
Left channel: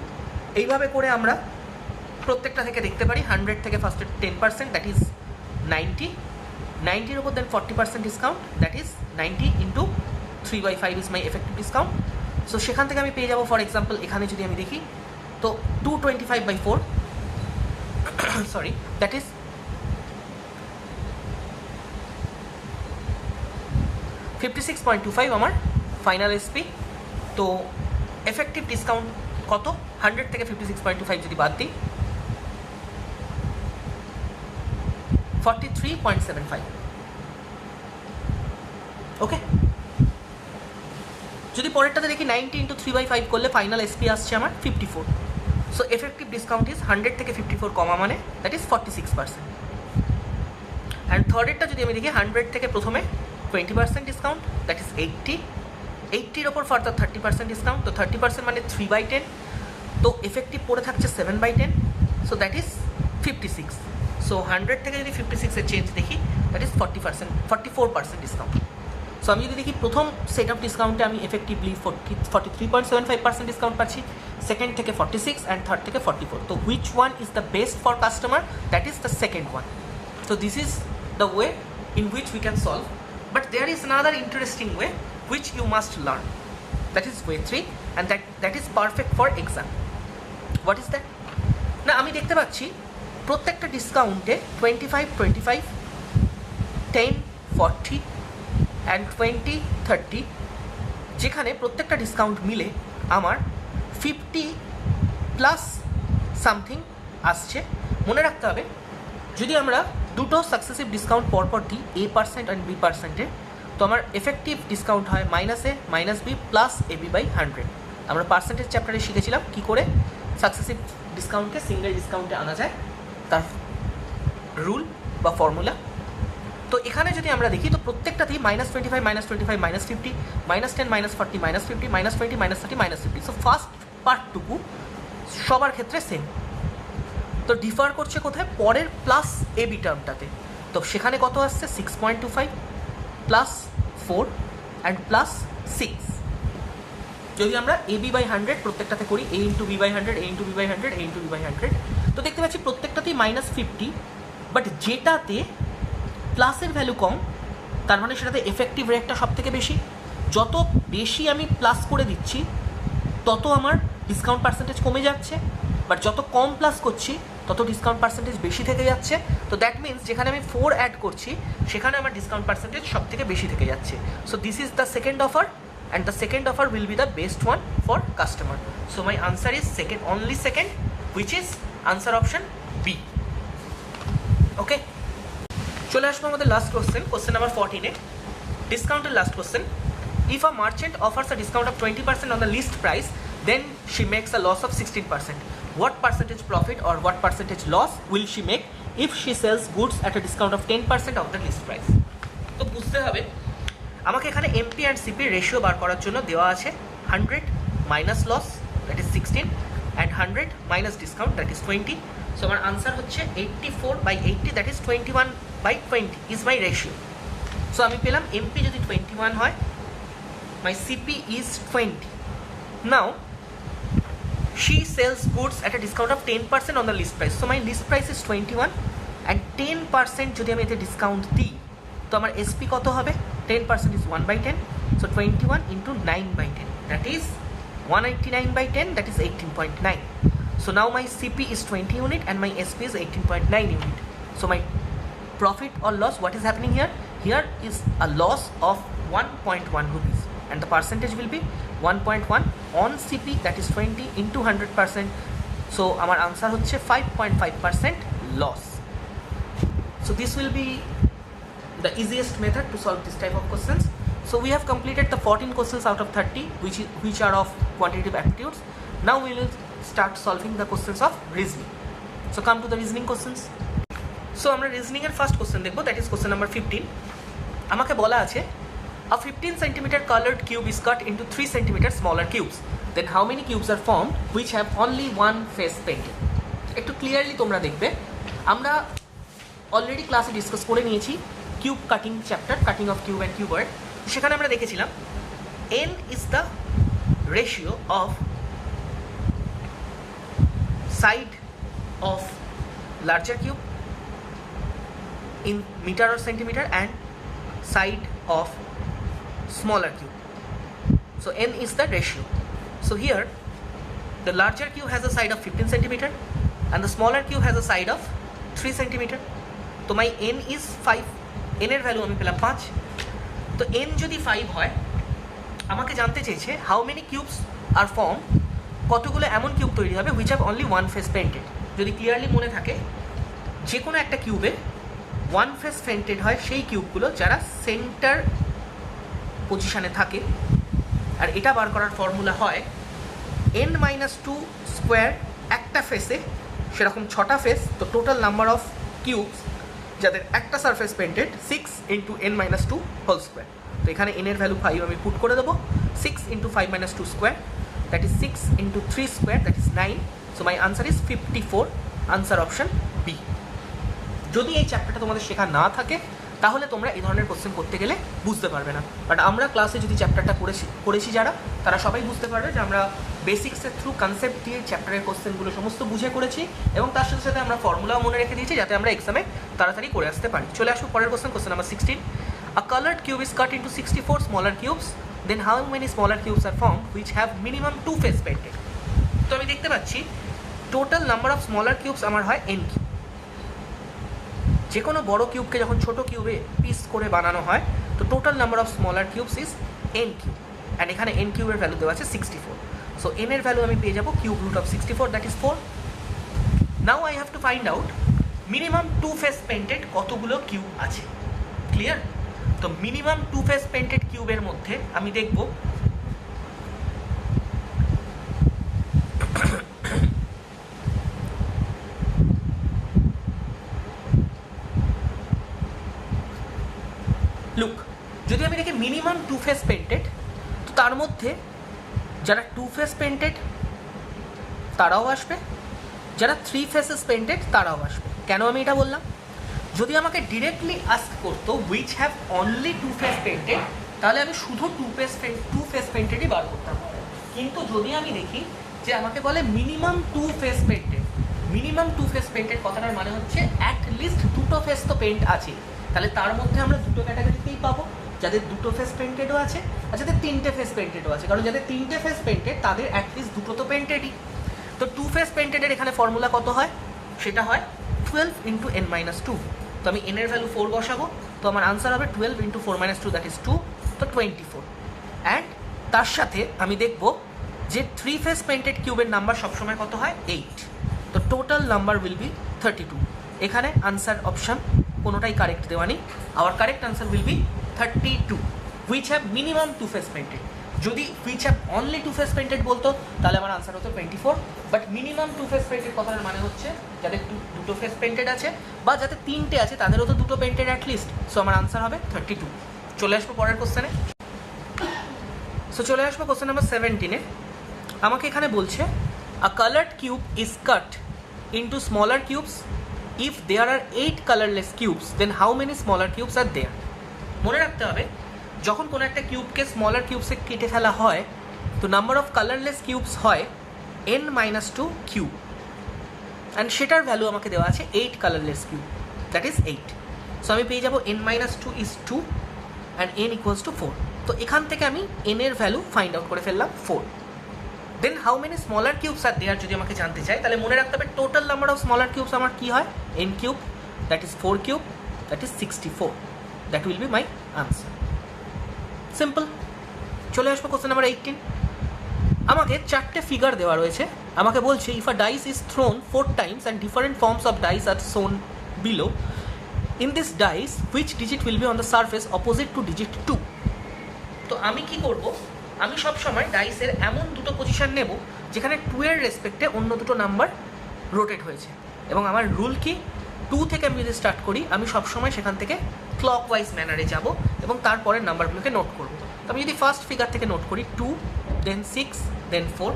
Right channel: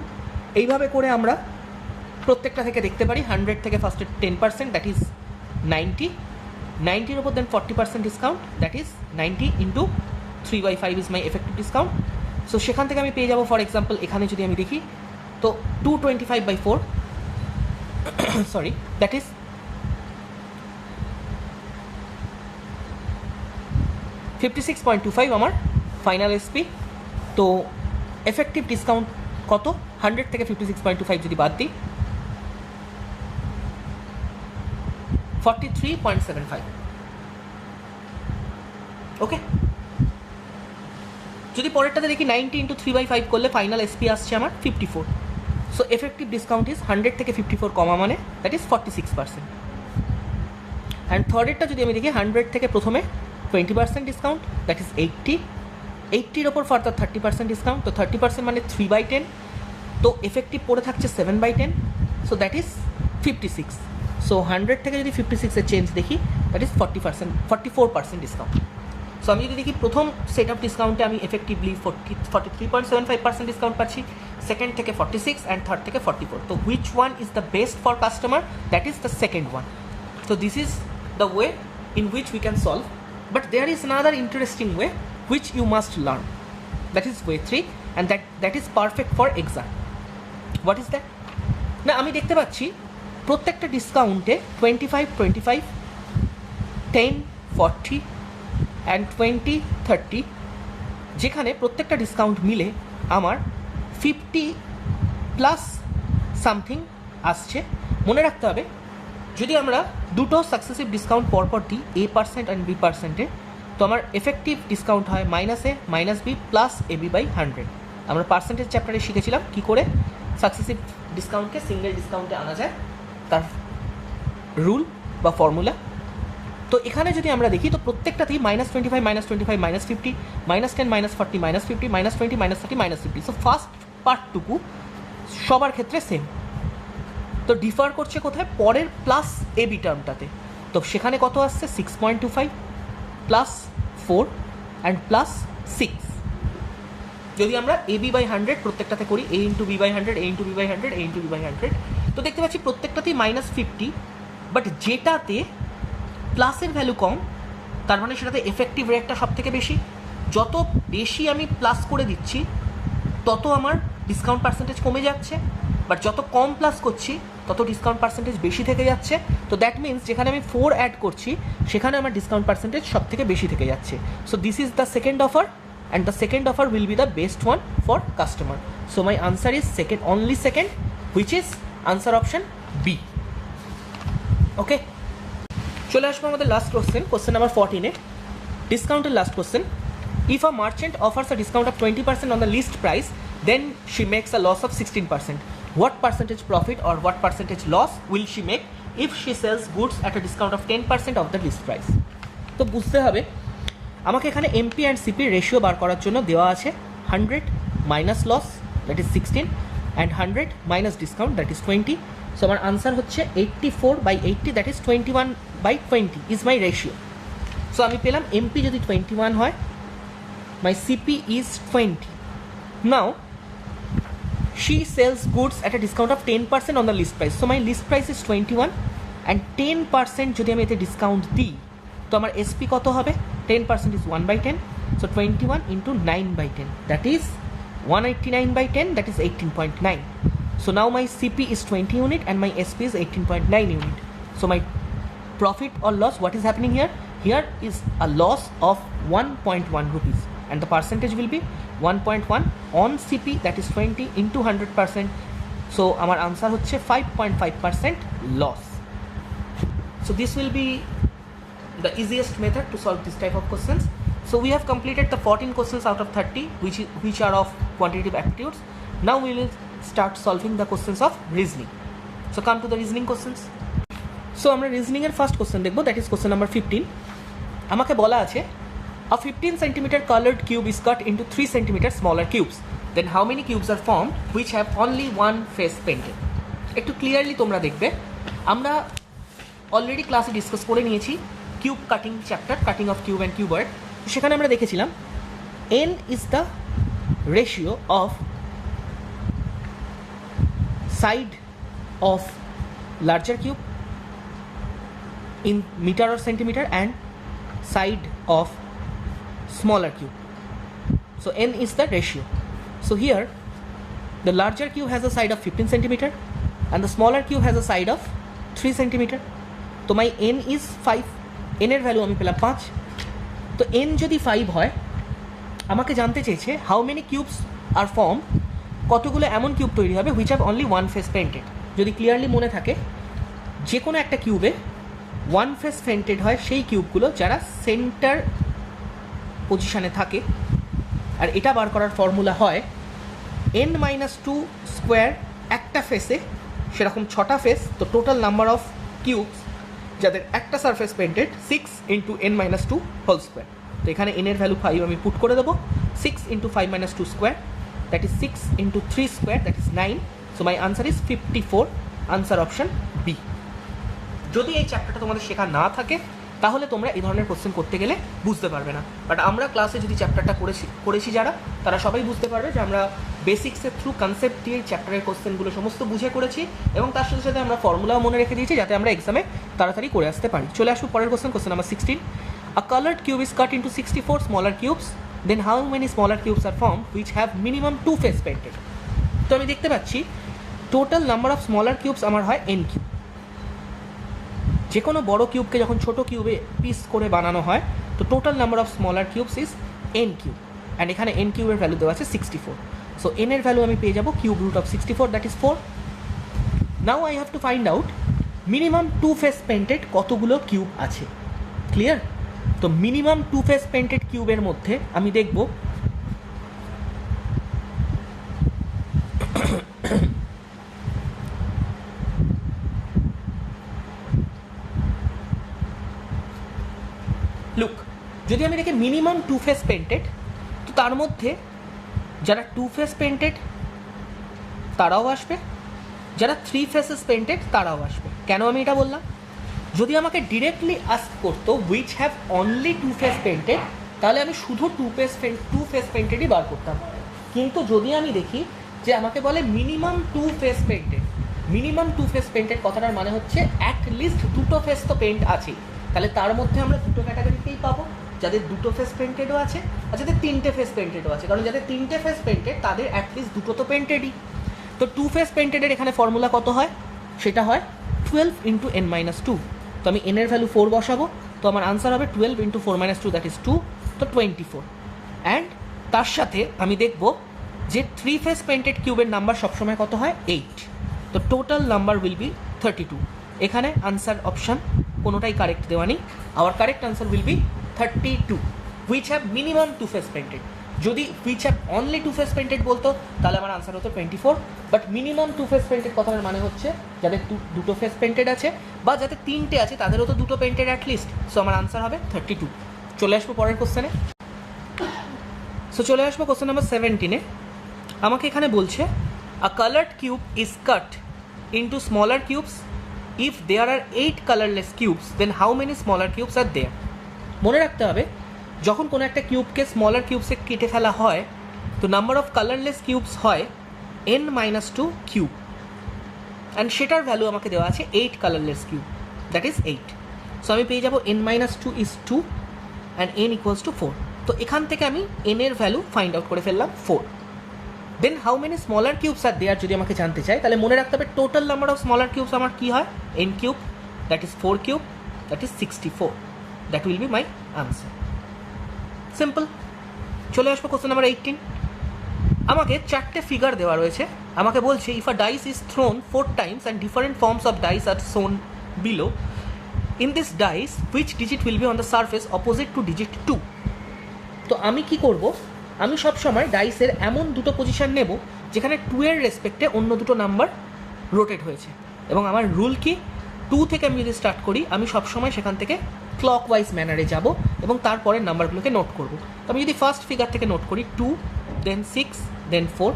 এইভাবে করে আমরা প্রত্যেকটা থেকে দেখতে পারি 100 থেকে ফার্স্টে 10%, দ্যাট ইজ 90, 90-এর ওপর দেন 40% discount, that is 90 into 3/5 is my effective discount. So সেখান থেকে আমি পেয়ে যাবো, ফর এক্সাম্পল এখানে যদি আমি দেখি তো 225/4 সরি, দ্যাট ইজ 56.25 আমার ফাইনাল SP। তো এফেক্টিভ ডিসকাউন্ট কত? 100 থেকে 56.25 যদি বাদ দিই 43.75। ওকে, যদি পরেরটাতে দেখি 90 into 3/5 করলে ফাইনাল SP আসছে আমার 54। সো এফেক্টিভ ডিসকাউন্ট ইজ 100 থেকে 54 কমা মানে দ্যাট ইজ 46%। অ্যান্ড থার্ডেরটা যদি আমি দেখি 100 থেকে প্রথমে 20% ডিসকাউন্ট, দ্যাট ইজ 80, 80-এর ওপর ফার্দার 30% ডিসকাউন্ট, তো 30% মানে 3/10, তো এফেক্টিভ পড়ে থাকছে 7/10, সো দ্যাট ইজ 56। সো 100 থেকে যদি 56-এর চেঞ্জ দেখি দ্যাট ইজ 44% ডিসকাউন্ট। সো আমি যদি দেখি প্রথম সেট অফ ডিসকাউন্টে আমি এফেক্টিভলি 43.75% ডিসকাউন্ট পাচ্ছি, সেকেন্ড থেকে 46 অ্যান্ড থার্ড থেকে 44। তো which one is the best for customer? That is the second one. So this is the way in which we can solve, but there is another interesting way which you must learn. That is way 3, and that is perfect for exam. What is that? না আমি দেখতে পাচ্ছি প্রত্যেকটা ডিসকাউন্টে 25, 25, 10, 40 and 20, 30, যেখানে প্রত্যেকটা discount মিলে আমার 50 প্লাস সামথিং আসছে। মনে রাখতে হবে যদি আমরা দুটো সাকসেসিভ ডিসকাউন্ট পরপর দিই A% অ্যান্ড B%, তো আমার এফেক্টিভ ডিসকাউন্ট হয় -a - b plus ab by 100। আমরা পার্সেন্টেজ চ্যাপ্টারে শিখেছিলাম কী করে সাকসেসিভ ডিসকাউন্টকে সিঙ্গেল ডিসকাউন্টে আনা যায়, তার রুল বা ফর্মুলা। তো এখানে যদি আমরা দেখি তো প্রত্যেকটাতেই -25 -25 -50 -10 -40 -50 -20 -30 -50। সো ফার্স্ট পার্টটুকু সবার ক্ষেত্রে সেম, তো ডিফার করছে কোথায়, পরের প্লাস এবি টার্মটাতে। তো সেখানে কত আসছে 6.25 প্লাস 4 অ্যান্ড প্লাস 6। যদি আমরা এবি বাই 100 প্রত্যেকটাতে করি, a into b by 100, a into b by 100, a into b by 100, তো দেখতে পাচ্ছি প্রত্যেকটাতেই -50, বাট যেটাতে প্লাসের ভ্যালু কম তার মানে সেটাতে এফেক্টিভ রেটটা সব থেকে বেশি। যত বেশি আমি প্লাস করে দিচ্ছি তত আমার ডিসকাউন্ট পার্সেন্টেজ কমে যাচ্ছে, বাট যত কম প্লাস করছি তত ডিসকাউন্ট পার্সেন্টেজ বেশি থেকে যাচ্ছে। তো দ্যাট মিনস যেখানে আমি 4 অ্যাড করছি সেখানে আমার ডিসকাউন্ট পার্সেন্টেজ সব থেকে বেশি থেকে যাচ্ছে। So this is the second offer and the second offer will be the best one for customer. So my answer is second, only second, which is answer option B. Okay, চলে আসবো আমাদের last question number 14-এ, ডিসকাউন্টের last question. If a merchant offers a discount of 20% on the list price, then she makes a loss of 16%. What percentage profit or what percentage loss will she make if she sells goods at a discount of 10% of the list price? তো বুঝতে হবে আমাকে এখানে MP and CP ratio বার করার জন্য দেওয়া আছে 100 minus loss that is 16 and 100 minus discount that is 20। So আমার আনসার হচ্ছে 84/80 that is 21/20 is my ratio. So আমি পেলাম এমপি যদি 21 হয়, my CP is 20। Now she sells goods at a discount of 10% on the list price. So my list price is 21 and 10% যদি আমি এতে discount দিই তো আমার এসপি কত হবে, 10% is 1/10, so 21 into 9/10 that is 189/10, that is 18.9. So now my CP is 20 unit and my SP is 18.9 unit. So my profit or loss, what is happening here? Here is a loss of 1.1 rupees and the percentage will be 1.1 on CP, that is 20 into 100%. So our answer হচ্ছে 5.5% loss. So this will be the easiest method to solve this type of questions. So we have completed the 14 questions out of 30 which are of quantitative aptitudes. Now we will start solving the questions of reasoning. So come to the reasoning questions. So আমরা reasoning এর first question দেখব, that is question number 15. আমাকে বলা আছে a 15 cm colored cube is cut into 3 cm smaller cubes. Then how many cubes are formed which have only one face painted? একটু clearly তোমরা দেখবে, আমরা অলরেডি ক্লাসে ডিসকাস করে নিয়েছি cube cutting chapter, cutting of cube and cuboid. সেখানে আমরা দেখেছিলাম n is the ratio of side of larger cube in meter or centimeter and side of smaller cube. So n is the ratio. So here the larger cube has a side of 15 centimeter and the smaller cube has a side of 3 centimeter. So my n is 5, n এর value আমি পেলাম 5। তো n যদি 5 হয় আমাকে জানতে চেয়েছে how many cubes are form, কতগুলো এমন কিউব তৈরি হবে which have only one face painted. যদি ক্লিয়ারলি মনে থাকে যে কোনো একটা কিউবে ওয়ান ফেস পেন্টেড হয় সেই কিউবগুলো যারা সেন্টার পজিশনে থাকে, আর এটা বার করার ফর্মুলা হয় n-2 স্কোয়ার একটা ফেসে, সেরকম 6টা ফেস, তো টোটাল নাম্বার অফ কিউবস যাদের একটা surface painted 6 into n-2 whole square. তো এখানে n এর ভ্যালু 5 আমি পুট করে দেবো, 6 into 5 - 2 square that is 6 into 3 square that is 9। So my answer is 54, answer option B. যদি এই চ্যাপ্টারটা তোমাদের শেখা না থাকে তাহলে তোমরা এই ধরনের কোশ্চেন করতে গেলে বুঝতে পারবে না, বাট আমরা ক্লাসে যদি চ্যাপ্টারটা করেছি যারা, তারা সবাই বুঝতে পারবে যে আমরা বেসিক্সের থ্রু কনসেপ্ট দিয়ে চ্যাপ্টারের কোশ্চেনগুলো সমস্ত বুঝে করেছি এবং তার সাথে সাথে আমরা ফর্মুলাও মনে রেখে দিয়েছি যাতে আমরা এক্সামে তাড়াতাড়ি করে আসতে পারি। চলে আসবো পরের question number 16। A coloured cube is cut into 64 smaller cubes, then how many smaller cubes are form which have minimum 2 face painted. তো আমি দেখতে পাচ্ছি total number of smaller cubes আমার হয় n কিউব। যে কোনো বড় কিউবকে যখন ছোট কিউবে পিস করে বানানো হয় তো total number of smaller cubes is n cube, and এখানে n কিউবের ভ্যালু দেওয়া আছে 64। সো n এর ভ্যালু আমি পেয়ে যাবো cube root of 64 that is 4। Now I have to find out minimum 2 face painted কতগুলো কিউব আছে। ক্লিয়ার? তো মিনিমাম টু ফেস পেন্টেড কিউবের মধ্যে আমি দেখব লুক, যদি আমি দেখি মিনিমাম টু ফেস পেন্টেড, তো তার মধ্যে যারা টু ফেস পেন্টেড তারাও আসবে, যারা থ্রি ফেসেস পেন্টেড তারাও আসবে। কেন আমি এটা বললাম? যদি আমাকে ডিরেক্টলি আস্ক করতো which have only two face painted, তাহলে আমি শুধু টু ফেস পেন্টেডই বার করতাম। কিন্তু যদি আমি দেখি যে আমাকে বলে minimum two face painted, minimum two face painted কথাটার মানে হচ্ছে অ্যাটলিস্ট দুটো ফেস তো পেন্ট আছে, তাহলে তার মধ্যে আমরা দুটো ক্যাটাগরিতেই পাবো, যাদের দুটো ফেস পেন্টেডও আছে আর যাদের তিনটে ফেস পেন্টেডও আছে। কারণ যাদের তিনটে ফেস পেন্টেড তাদের অ্যাটলিস্ট দুটো তো পেন্টেডই। তো টু ফেস পেন্টেডের এখানে ফর্মুলা কত হয়? সেটা হয় 12 ইন্টু n-2। তো আমি n এর ভ্যালু 4 বসাবো, তো আমার আনসার হবে 12 ইন্টু 4-2, দ্যাট ইজ 2, তো 24। অ্যান্ড তার সাথে আমি দেখব যে থ্রি ফেস পেন্টেড কিউবের নাম্বার সবসময় কত হয়? 8। তো টোটাল নাম্বার উইল বি 32। এখানে আনসার অপশান কোনোটাই কারেক্ট দেওয়া নেই। Our correct answer will be 32, which have minimum two face painted. যদি which have only two face painted বলতো তাহলে আমার আনসার হতো 24, but minimum two face painted কথার মানে হচ্ছে যাদের দুটো ফেস পেন্টেড আছে বা যাদের তিনটে আছে তাদেরও তো দুটো পেন্টেড অ্যাটলিস্ট। সো আমার আনসার হবে 32। চলে আসবো পরের কোশ্চেনে। সো চলে আসবো কোশ্চেন নাম্বার 17-এ। আমাকে এখানে বলছে a coloured cube is cut into smaller cubes, if there are 8 colourless cubes then how many smaller cubes are there. মনে রাখতে হবে, যখন কোনো একটা কিউবকে স্মলার কিউবসে কেটে ফেলা হয় তো নাম্বার অফ কালারলেস কিউবস হয় n-2 কিউব, অ্যান্ড সেটার ভ্যালু আমাকে দেওয়া আছে 8 colourless cube, that is 8। So আমি পেয়ে যাবো n-2 is 2 and n equals to 4। তো এখান থেকে আমি n এর ভ্যালু ফাইন্ড আউট করে ফেললাম 4। Then how many smaller cubes are there যদি আমাকে জানতে চাই, তাহলে মনে রাখতে হবে total number of smaller cubes আমার কী হয়? n cube, that is 4 cube, that is 64। That will be my answer. Simple. চলে আসবো কোশ্চেন নাম্বার 18। আমাকে চারটে ফিগার দেওয়া রয়েছে। আমাকে বলছে if a dice is thrown 4 times and different forms of dice are shown below, in this dice which digit will be on the surface opposite to digit 2। তো আমি কি করব? আমি সবসময় ডাইসের এমন দুটো পজিশন নেব যেখানে 2 এর রেসপেক্টে অন্য দুটো নাম্বার রোটেট হয়েছে, এবং আমার রুল কি, 2 থেকে আমি যদি স্টার্ট করি আমি সবসময় সেখান থেকে ক্লকওয়াইজ ম্যানারে যাব এবং তারপরের নাম্বারগুলোকে নোট করব। তো আমি যদি ফার্স্ট ফিগার থেকে নোট করি 2, দেন 6, দেন 4,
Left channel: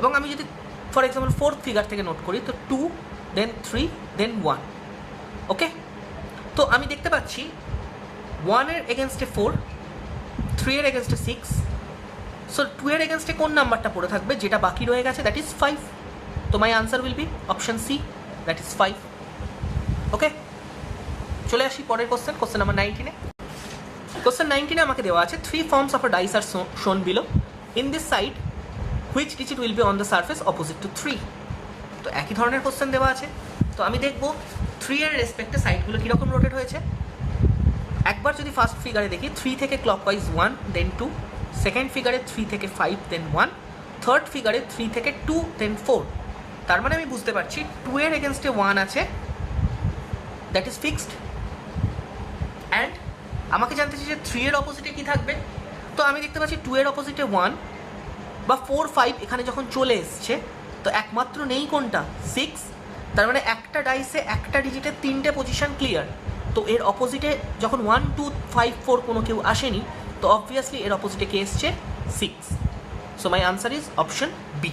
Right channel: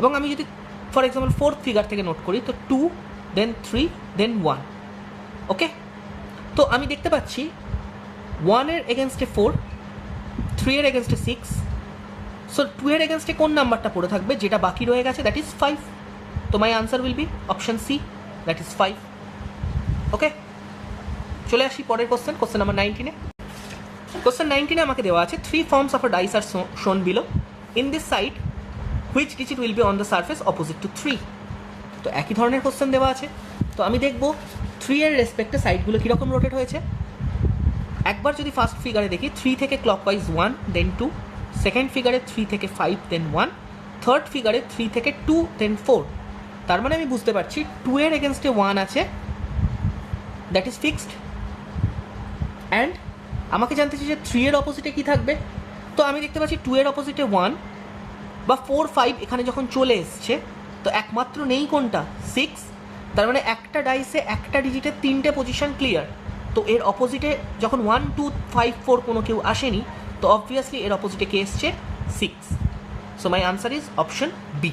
এবং আমি যদি ফর এক্সাম্পল ফোর্থ ফিগার থেকে নোট করি তো 2, দেন 3, দেন 1। ওকে, তো আমি দেখতে পাচ্ছি 1 এর এগেনস্টে 4, 3 এর এগেনস্টে 6, সো 2 এর এগেনস্টে কোন নাম্বারটা পড়ে থাকবে যেটা বাকি রয়ে গেছে? That is 5। তো my answer will be option C, that is 5। Okay, চলে আসি পরের কোশ্চেন, কোশ্চেন নাম্বার 19-এ। কোশ্চেন 19-এ আমাকে দেওয়া আছে 3 forms of a dice are shown below, in this side which digit will be on the surface opposite to 3। তো একই ধরনের কোশ্চেন দেওয়া আছে। তো আমি দেখব 3 এর রেসপেক্টে সাইডগুলো কীরকম রোটেট হয়েছে। একবার যদি ফার্স্ট ফিগারে দেখি 3 থেকে ক্লকওয়াইজ 1, দেন 2, সেকেন্ড ফিগারে 3 থেকে 5, দেন 1, থার্ড ফিগারে 3 থেকে 2, দেন 4। তার মানে আমি বুঝতে পারছি 2 এর এগেনস্টে 1 আছে, দ্যাট ইজ ফিক্সড। অ্যান্ড আমাকে জানতে চাই যে 3 এর অপোজিটে কী থাকবে। তো আমি দেখতে পাচ্ছি 2 এর অপোজিটে 1 বা 4, 5 এখানে যখন চলে এসছে তো একমাত্র নেই কোনটা? 6। তার মানে একটা ডাইসে একটা ডিজিটের 3টে পজিশন ক্লিয়ার। তো এর অপোজিটে যখন 1, 2, 5, 4 কোনো কেউ আসেনি, তো অবভিয়াসলি এর অপোজিটে কে এসছে? 6। So my answer is option B.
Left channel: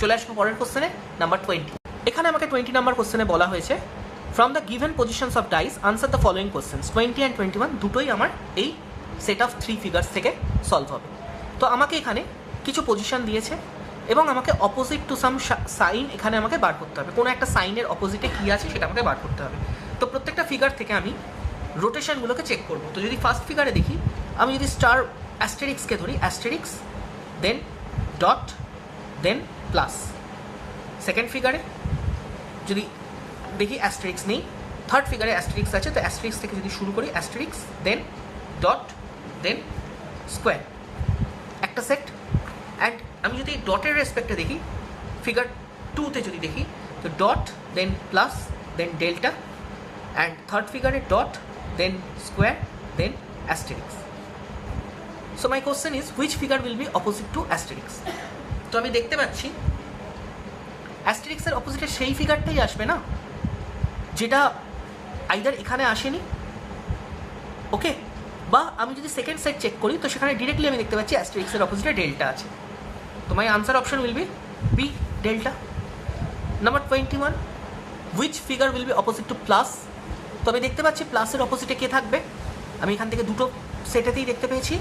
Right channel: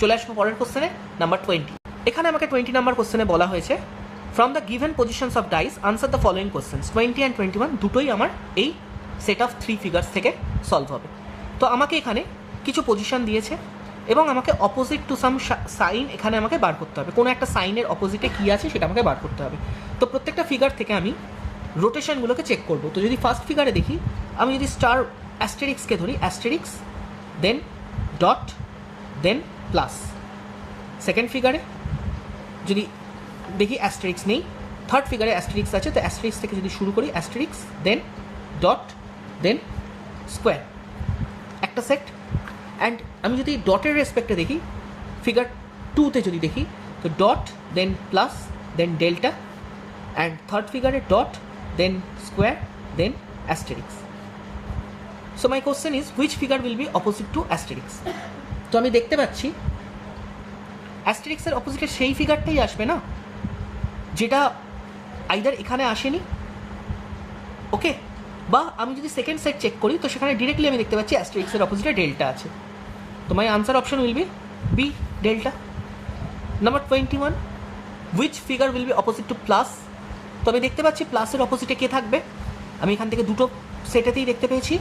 চলে আসবো পরের কোশ্চেনে, নাম্বার 20। এখানে আমাকে 20 নাম্বার কোশ্চেনে বলা হয়েছে from the given positions of dice answer the following questions. 20 and 21 দুটোই আমার এই সেট অফ 3 ফিগার্স থেকে সলভ হবে। তো আমাকে এখানে কিছু পজিশন দিয়েছে এবং আমাকে অপোজিট টু সাম সাইন এখানে আমাকে বার করতে হবে। কোনো একটা সাইনের অপোজিটে কী আছে সেটা আমাকে বার করতে হবে। তো প্রত্যেকটা ফিগার থেকে আমি রোটেশনগুলোকে চেক করব। তো যদি ফার্স্ট ফিগারে দেখি, আমি যদি স্টার অ্যাস্টেরিক্সকে ধরি, অ্যাস্টেরিক্স, দেন ডট, দেন প্লাস। সেকেন্ড ফিগারে যদি দেখি অ্যাস্টেরিক্স নেই, থার্ড ফিগারে অ্যাস্টেরিক্স আছে, তো অ্যাস্টেরিক্স থেকে যদি শুরু করি অ্যাস্টেরিক্স, দেন ডট, দেন স্কোয়ার, একটা সেট। অ্যান্ড আমি যদি ডটের রেসপেক্টে দেখি, ফিগার 2তে যদি দেখি তো dot, then plus, then delta, and third ফিগারে dot, then square, then asterisk. So my question is, which figure will be opposite to asterisk? তো আমি দেখতে পাচ্ছি অ্যাস্টেরিক্সের অপোজিটে সেই ফিগারটাই আসবে না যেটা আইদার এখানে আসেনি, ওকে, বা আমি যদি সেকেন্ড সাইড চেক করি তো সেখানে ডিরেক্টলি আমি দেখতে পাচ্ছি অ্যাস্টেরিক্সের অপোজিটে ডেল্টা আছে। তো my answer option will be B, delta. Number 21, which figure will be opposite to plus? তো আমি দেখতে পাচ্ছি প্লাসের অপোজিটে কে থাকবে? আমি এখান থেকে দুটো সেটেতেই দেখতে পেয়েছি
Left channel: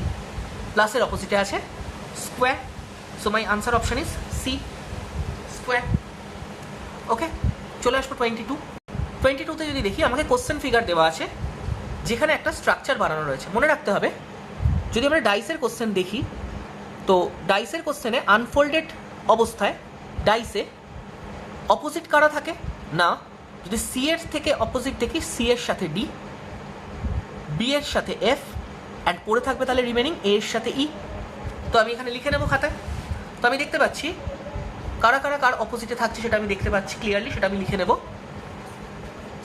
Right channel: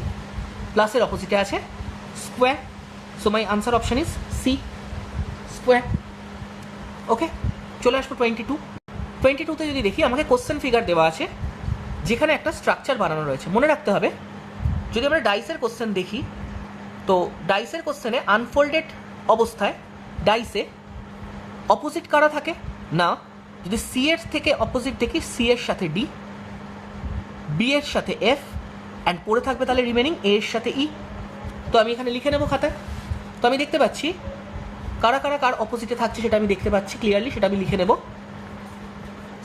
প্লাসের অপোজিটে আছে square. So my answer option is C, square. Okay, চলে আসবো 22তে যদি দেখি আমাকে কোশ্চেন ফিগার দেওয়া আছে যেখানে একটা স্ট্রাকচার বানানো রয়েছে। মনে রাখতে হবে যদি আমরা ডাইসের কোশ্চেন দেখি তো ডাইসের কোশ্চেনে আনফোল্ডেড অবস্থায় ডাইসে অপোজিট কারা থাকে না, যদি সি এর থেকে অপোজিট দেখি সি এর সাথে ডি, বি এর সাথে এফ, অ্যান্ড পড়ে থাকবে তাহলে রিমেনিং এ এর সাথে ই। তো আমি এখানে লিখে নেবো খাতায়। তো আমি দেখতে পাচ্ছি কারা কারা কার অপোজিটে থাকছে সেটা আমি দেখতে পাচ্ছি ক্লিয়ারলি, সেটা আমি লিখে নেব।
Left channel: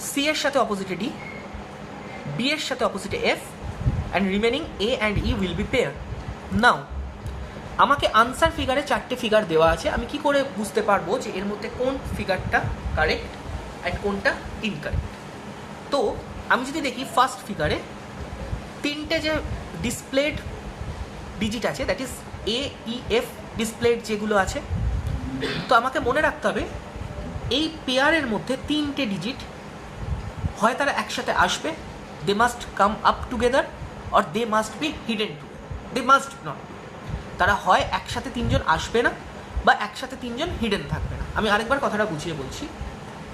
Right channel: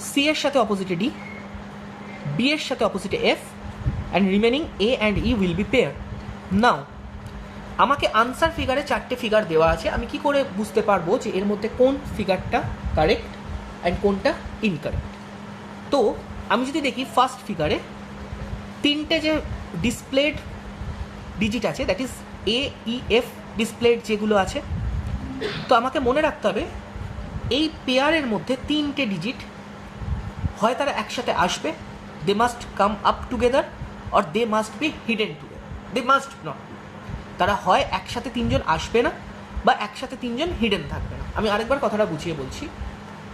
সি এর সাথে অপোজিটে ডি, বি এর সাথে অপোজিটে F, and remaining A and E will be pair. Now আমাকে আনসার ফিগারে 4টে ফিগার দেওয়া আছে, আমি কি করে বুঝতে পারবো যে এর মধ্যে কোন ফিগারটা কারেক্ট অ্যান্ড কোনটা ইনকারেক্ট? তো আমি যদি দেখি ফার্স্ট ফিগারে 3টে যে ডিসপ্লেড ডিজিট আছে, that is a E F displayed যেগুলো আছে, তো আমাকে মনে রাখতে হবে এই পেয়ারের মধ্যে 3টে ডিজিট হয় তারা একসাথে আসবে, they must come up together, or they must be hidden together. They must not, তারা হয় একসাথে 3জন আসবে না বা একসাথে 3জন হিডেন থাকবে না। আমি আরেকবার কথাটা বুঝিয়ে বলছি।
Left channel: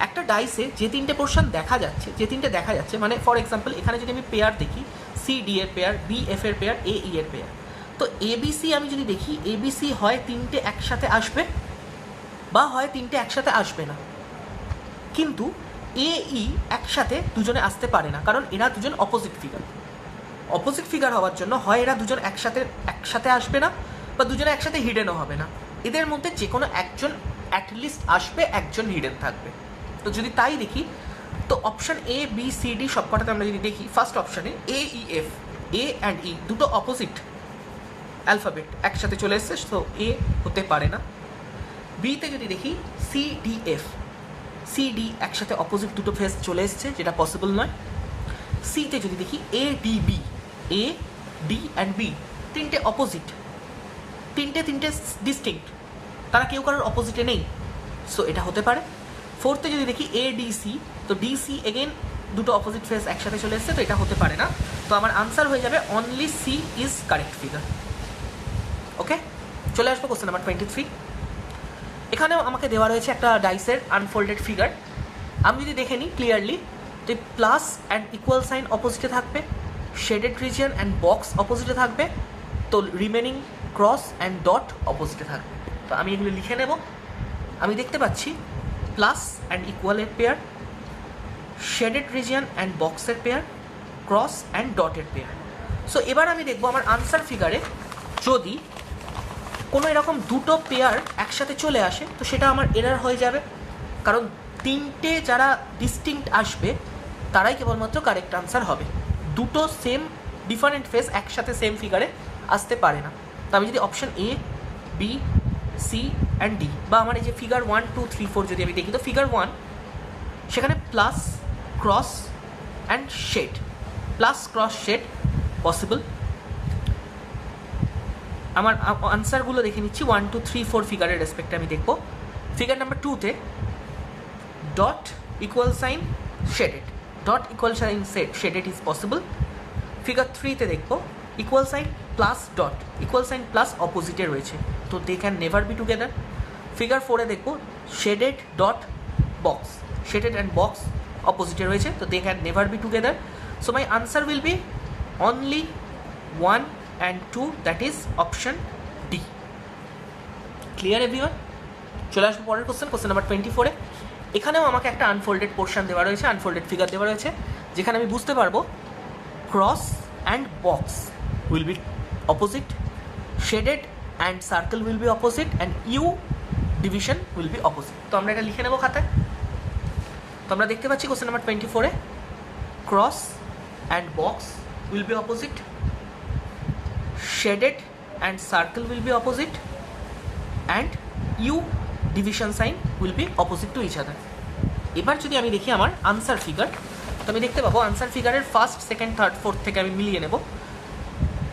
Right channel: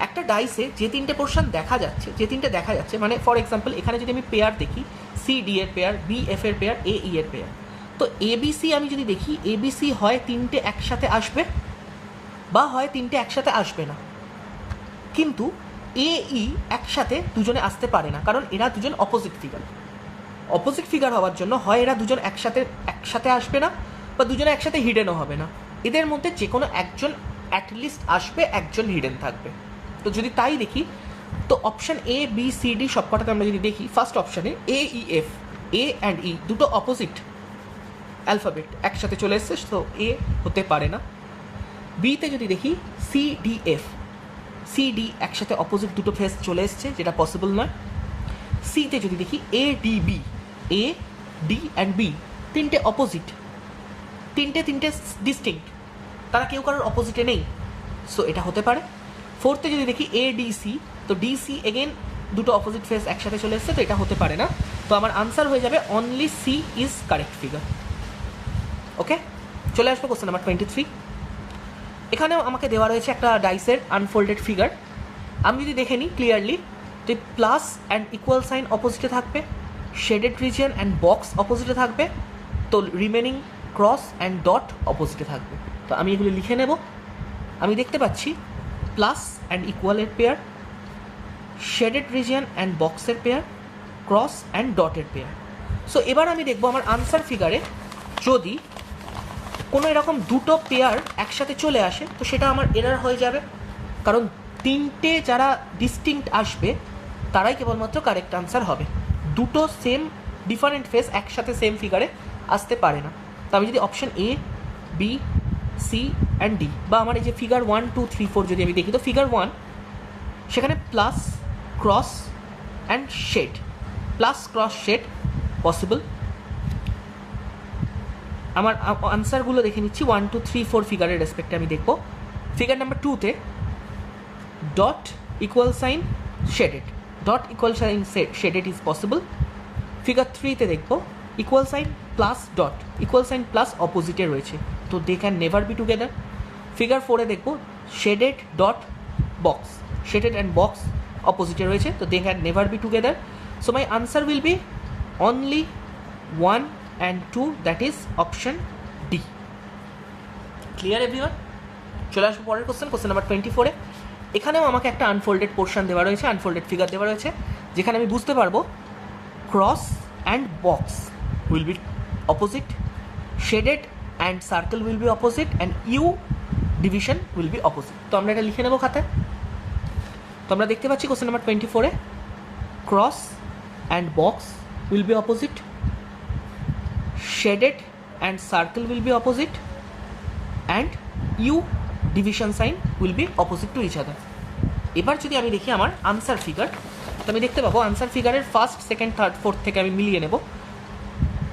একটা ডাইসে যে 3টে পোর্শন দেখা যাচ্ছে, মানে ফর এক্সাম্পল এখানে যদি আমি পেয়ার দেখি, সি ডি এর পেয়ার, বি এফ এর পেয়ার, এ ই এর পেয়ার, তো এবিসি আমি যদি দেখি এবিসি হয় 3টে একসাথে আসবে বা হয় 3টে একসাথে আসবে না, কিন্তু এ ই একসাথে দুজনে আসতে পারে না, কারণ এরা দুজন অপোজিট ফিগার হওয়ার জন্য হয় এরা দুজন একসাথে আসবে না বা দুজনে একসাথে হিডেনও হবে না, এদের মধ্যে যে কোনো একজন অ্যাটলিস্ট আসবে, একজন হিডেন থাকবে। তো যদি তাই দেখি তো option A B C D সবকটাতে আমরা যদি দেখি, ফার্স্ট অপশনে এ ই এফ, এ অ্যান্ড ই দুটো অপোজিট অ্যালফাবেট একসাথে চলে এসছে, সো এ হতে পারে না। বিতে যদি দেখি C D F, C D একসাথে অপোজিট দুটো ফেস চলে এসছে, যেটা পসিবল নয়। সিতে যদি দেখি A D B, A D and B 3টে অপোজিট, 3টে ডিস্টিংক্ট, তারা কেউ কারোর অপোজিটে নেই, সো এটা হতে পারে। ফোর্থে যদি দেখি এ ডি সি, তো ডিসি এগেন দুটো অপোজিট ফেস একসাথে চলে এসছে, তো এটা হতে পারে না। তো আমার আনসার হয়ে যাবে only C is correct figure. Okay, চলে আসবো কোশ্চেন নাম্বার 23। এখানেও আমাকে দেওয়া রয়েছে একটা ডাইসের আনফোল্ডেড ফিগার। আমি যদি দেখে নিই ক্লিয়ারলি, তো প্লাস অ্যান্ড ইকুয়াল সাইন অপোজিটে থাকবে, শেডেড রিজিয়ন অ্যান্ড বক্স অপোজিটে থাকবে, তো রিমেনিং ক্রস অ্যান্ড ডট অপোজিটে থাকবে। তো আমি এগুলো লিখে নেব। আমি দেখতে পাচ্ছি প্লাস অ্যান্ড ইকুয়ালের পেয়ার, শেডেড রিজিয়ন অ্যান্ড বক্সের পেয়ার, ক্রস অ্যান্ড ডটের পেয়ার। সো এবার আমি দেখবো আমার আনসার ফিগারে যদি কোনো এরকম দুটো পেয়ার একসাথে চলে আসে তো সেটা আমার এরার হয়ে যাবে, কারণ 3টে যারা ডিস্টিংক্ট আসবে তারাই কেবলমাত্র কারেক্ট আনসার হবে। দুটো সেম ডিফারেন্ট ফেস একসাথে সেম ফিগারে আসতে পারে না। তো আমি যদি option A B C and D, বা আমার এই যে ফিগার 1 2 3 4 যদি আমি দেখি, তো ফিগার 1 সেখানে plus cross and shade, plus cross shade possible. আমার আনসারগুলো দেখে নিচ্ছি 1 2 3 4 ফিগারের রেসপেক্টে আমি দেখব। ফিগার নাম্বার 2তে dot equal sign shaded, dot equal sign shaded is possible. Figure 3তে দেখব equal sign plus dot, equal sign plus অপোজিটে রয়েছে, তো they can never be together. Figure 4-এ দেখব shaded dot box, shaded and box অপোজিটে রয়েছে, তো they can never be together. So my answer will be only 1 and 2, that is option D. Clear everyone? চলে আসবো পরের কোশ্চেন নাম্বার 24-এ। এখানেও আমাকে একটা আনফোল্ডেড পোর্শন দেওয়া রয়েছে, আনফোল্ডেড ফিগার দেওয়া রয়েছে, যেখানে আমি বুঝতে পারবো cross and box will be opposite, shaded and circle will be opposite, and U division will be opposite. তো আমরা এটা লিখে নেবো খাতায়। তো আমরা দেখতে পাচ্ছি কোশ্চেন নাম্বার 24-এ cross and box will be opposite, shaded and circle will be opposite, and U division sign will be opposite to each other. এবার যদি আমি দেখি আমার আনসার ফিগার, তো আমি দেখতে পাবো আনসার ফিগারের ফার্স্ট, সেকেন্ড, থার্ড, ফোর্থ থেকে আমি মিলিয়ে নেব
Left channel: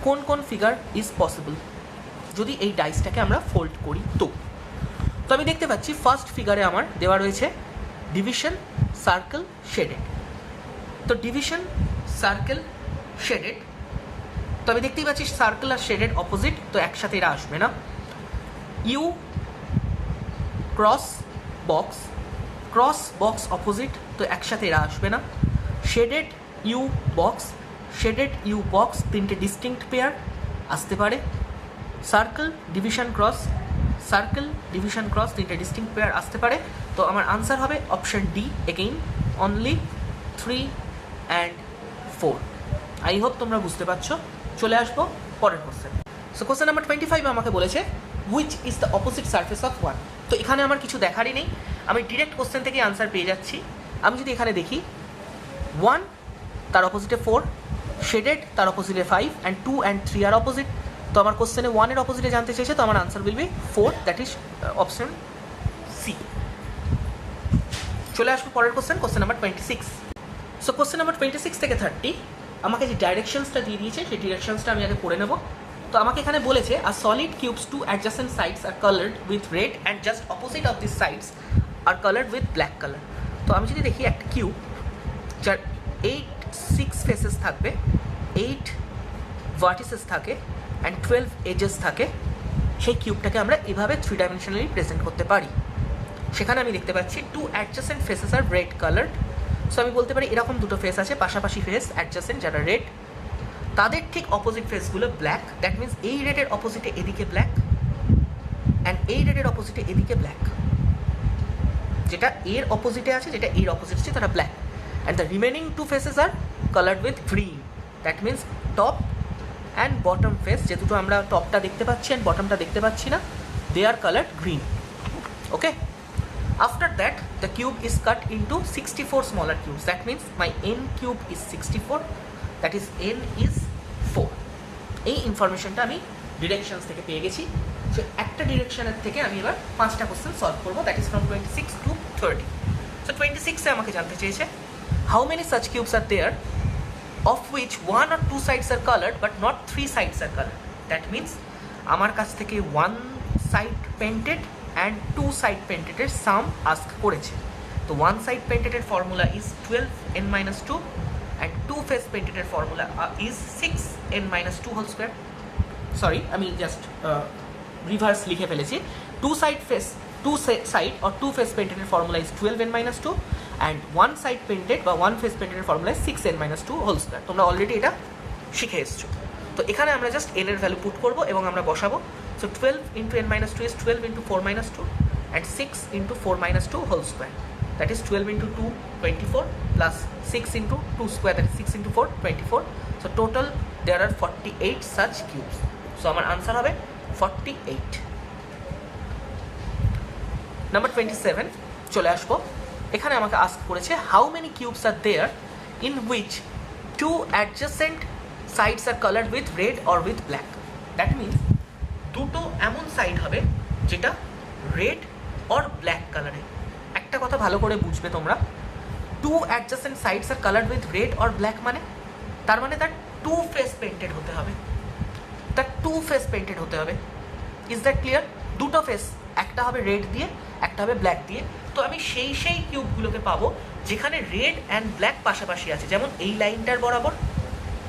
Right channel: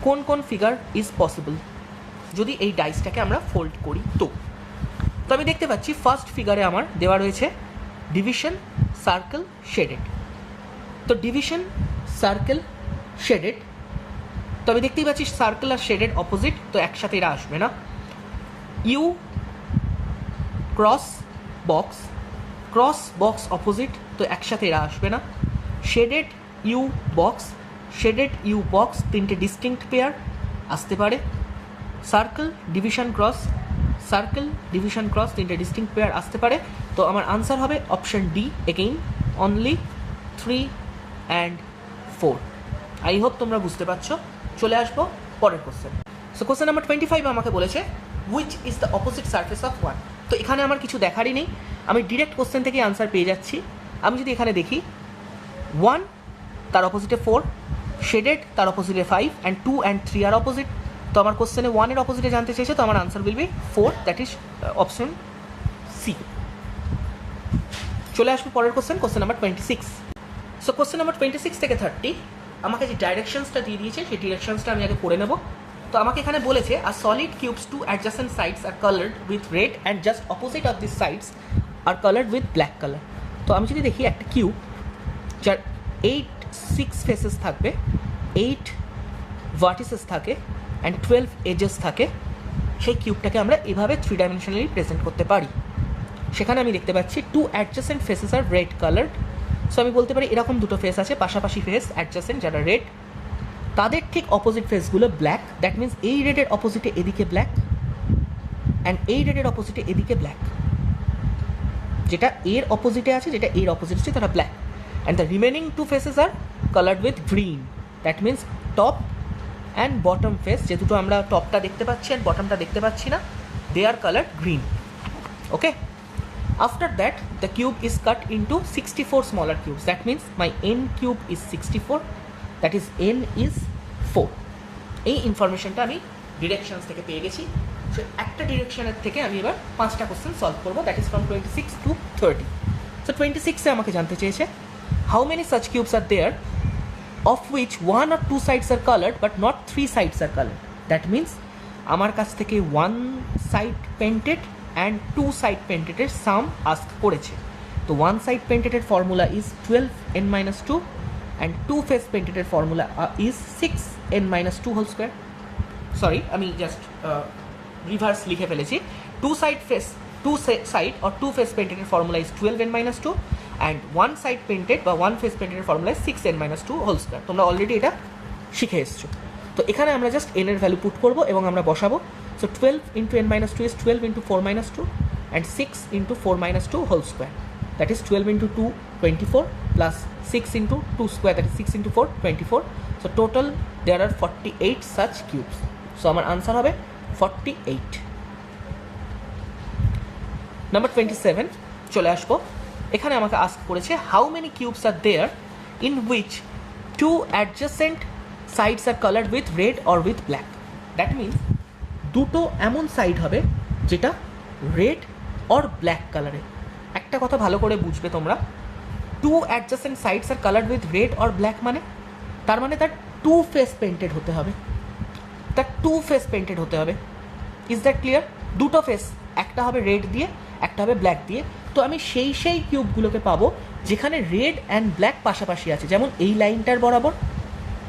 কোন কোন ফিগার ইজ পসিবল যদি এই ডাইসটাকে আমরা ফোল্ড করি। তো আমি দেখতে পাচ্ছি ফার্স্ট ফিগারে আমার দেওয়া রয়েছে ডিভিশন, সার্কেল, শেডেড। তো ডিভিশন, সার্কেল, শেডেড, তো আমি দেখতেই পাচ্ছি সার্কেল আর শেডেড অপোজিট, তো একসাথে এরা আসবে না। ইউ ক্রস বক্স অপোজিট, তো একসাথে এরা আসবে না। Shaded U box, shaded U box, তিনটে ডিস্টিংক্ট পেয়ার আসতে পারে। সার্কেল ডিভিশন ক্রস, তিনটে ডিস্টিংক্ট পেয়ার আসতে পারে। তো আমার আনসার হবে option D, again only 3 and 4। I hope তোমরা বুঝতে পারছো। চলে আসবো পরের কোশ্চেন। সো কোশ্চেন নাম্বার 25 আমাকে বলেছে which is the opposite surface of 1। তো এখানে আমার কিছু দেখারই নেই, আমি ডিরেক্ট কোশ্চেন থেকে আনসার পেয়ে যাচ্ছি। আমি যদি এখানে দেখি 1 তার অপোজিটে 4, শেডেড তার অপোজিটে 5, অ্যান্ড 2 and 3 আর অপোজিট। তো আমার কোশ্চেনে 1 এর অপোজিটে জানতে চেয়েছে, তো আমার answer will be 4, that is option C. চলে আসবো পরের question number 26। So question number 26 থেকে 30 আমাকে যে ডাইরেকশনসটা দিয়ে দিয়েছে সেই ডিরেকশনসটা আমি আগে পড়ে নেব। তো আমাকে এখানে বলেছে a solid cubes two adjacent sides are coloured with red and just opposite of this sides are coloured with black colour. তো আমি যদি দেখি একটা কিউব যার 6 ফেসেস থাকবে, 8 ভার্টিসেস থাকে অ্যান্ড 12 এজেস থাকে, সেই কিউবটাকে আমরা এভাবে 3 ডাইমেনশনালি প্রেজেন্ট করতে পারি। সেখানে আমি দেখতে পাচ্ছি 2 অ্যাডজাসেন্ট ফেসেস আর রেড কালার্ড। সো আমি বলতে পারি এরকম দুটো ফেস আছে, পাশাপাশি ফেস অ্যাডজাসেন্ট যারা রেড, তাদের ঠিক অপোজিট ফেসগুলো ব্ল্যাক। দ্যাট মিনস এই রেডের অপোজিটে এদিকে ব্ল্যাক অ্যান্ড এই রেডের অপোজিটে এদিকে ব্ল্যাক, যেটা এর অপোজিটে আছে, যেটা এর অপোজিট আছে তারা black, and the remaining 2 faces are coloured with green. That means top and bottom face, যে দুটো আমরা টপটা দেখতে পাচ্ছি অ্যান্ড বটমটা দেখতে পাচ্ছি না, they are coloured green. Okay, after that the cube is cut into 64 smaller cubes. That means my n cube is 64, that is n is 4. এই ইনফরমেশনটা আমি ডিরেকশনস থেকে পেয়ে গেছি। সো একটা ডিরেকশনের থেকে আমি এবার 5টা কোশ্চেন সলভ করবো, that is from 26 to 30। So 26 এ আমাকে জানতে চেয়েছে how many such cubes are there of which 1 or 2 sides are coloured but not 3 sides are coloured. That means আমার কাছ থেকে 1 side painted and 2 side painted এর sum ask করেছে। তো 1 side painted এর formula is 12n-2 and 2 face painted এর formula is 6n-2 whole square। Sorry, আমি just reverse লিখে ফেলেছি। 2 side or 2 face painted এর formula is 12n-2 and 1 side painted বা 1 face painted এর formula is 6n-2 whole square। তোমরা already এটা শিখে এসছো। তো এখানে আমরা জাস্ট n এর ভ্যালু পুট করব এবং আমরা বসাবো। So 12 into n-2 is 12 into 4-2 and 6 into 4-2 whole square. That is 12 into 2, 24 plus 6 into 2 square, that is 6 into 4, 24. So total there are 48 such cubes. So our answer হবে 48. Number 27 চলে আসবো। এখানে আমাকে ask করেছে how many cubes are there in which 2 adjacent sides are colored with red or with black. That means দুটো এমন side হবে যেটা রেড অর ব্ল্যাক কালারে। একটা কথা ভালো করে বুঝবে তোমরা, 2 adjacent sides are coloured with red or black মানে তার মানে তার 2 ফেস পেন্টেড হতে হবে, ইজ দ্যাট ক্লিয়ার? দুটো ফেস, একটা হবে রেড দিয়ে, একটা হবে ব্ল্যাক দিয়ে। তো আমি সেই কিউবগুলোকে পাবো যেখানে রেড অ্যান্ড ব্ল্যাক পাশাপাশি আছে, যেমন এই লাইনটার বরাবর,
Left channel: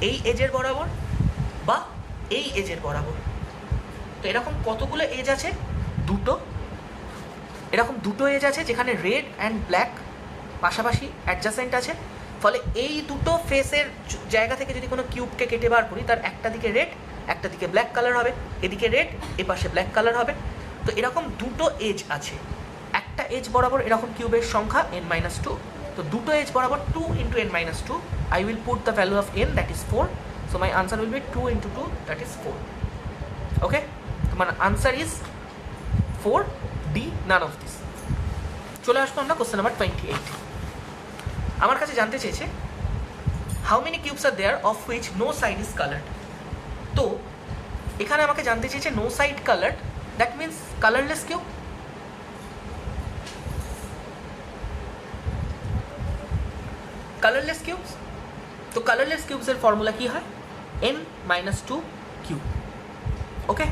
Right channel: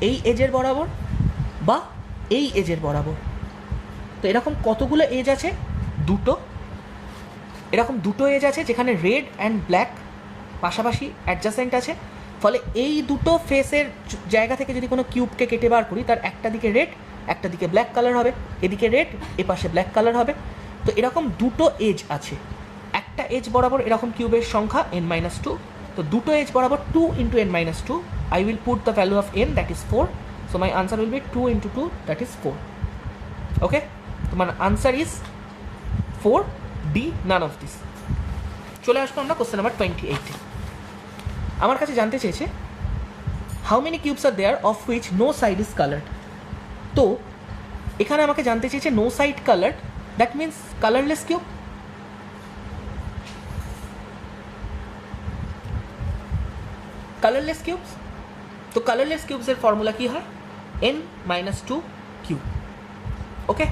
এই এজের বরাবর বা এই এজের বরাবর। তো এরকম কতগুলো এজ আছে? এরকম দুটো এজ আছে যেখানে রেড অ্যান্ড ব্ল্যাক পাশাপাশি অ্যাডজাসেন্ট আছে। ফলে এই দুটো ফেসের জায়গা থেকে যদি কোনো কিউবকে কেটে বার করি, তার একটা দিকে রেড, একটা দিকে ব্ল্যাক কালার হবে, এদিকে রেড, এ পাশে ব্ল্যাক কালার হবে। তো এরকম দুটো এজ আছে, একটা এজ বরাবর এরকম কিউবের সংখ্যা n-2। তো দুটো এজ বরাবর 2 into n-2, I will put the value of n, that is 4. So my answer will be 2 into 2, that is 4. Okay, so my answer is 4D, none of this. চলে আসবো আমরা কোশ্চেন নাম্বার 28। আমার কাছে জানতে চেয়েছে how many cubes are there of which no side is coloured. তো এখানে আমাকে জানতে চেয়েছে no side colour, that means colourless cube. Colourless cubes, তো কালারলেস কিউবসের ফর্মুলা কি হয়? n-2 cube. ওকে,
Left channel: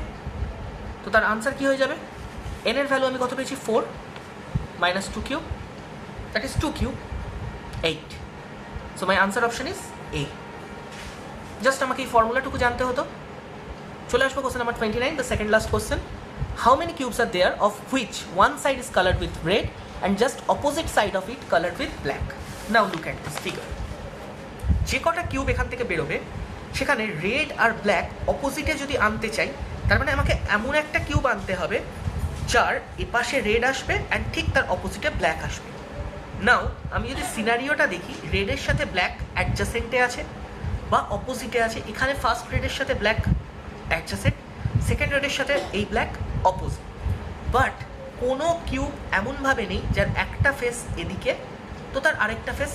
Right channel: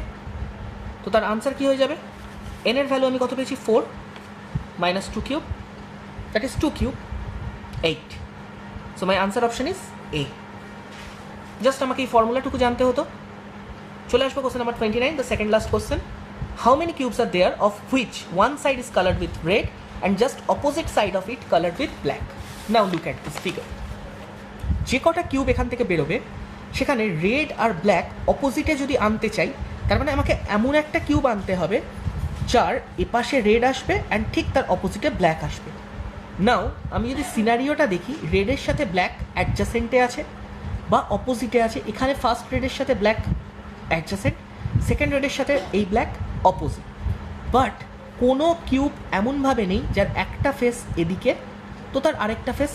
তো তার আনসার কি হয়ে যাবে? n এর ভ্যালু আমি কত পেয়েছি? 4 - 2 cube, that is 2 cube, 8. So my answer option is A. Just আমাকে এই ফর্মুলাটুকু জানতে হতো। চলে আসবো question number 29, the second last question. How many cubes are there of which one side is coloured with red and just opposite side of it coloured with black? Now look at this figure. যে কটা cube এখান থেকে বেরোবে সেখানে red আর black অপোজিটে যদি আনতে চাই, তার মানে আমাকে এমন একটা কিউব আনতে হবে যার এপাশে রেড আসবে অ্যান্ড ঠিক তার অপোজিটে ব্ল্যাক আসবে। নাও আমি যদি সিনারিওটা দেখি, রেডের সাথে ব্ল্যাক অ্যাডজাসেন্টে আছে বা অপোজিটে আছে। এখানে ফার্স্ট রেডের সাথে ব্ল্যাক অ্যাডজাসেন্ট, সেকেন্ড রেডের সাথে এই ব্ল্যাক অপোজিট। বাট কোনো কিউব এমনভাবে নেই যার একটা ফেস এদিকে তো তার আরেকটা ফেস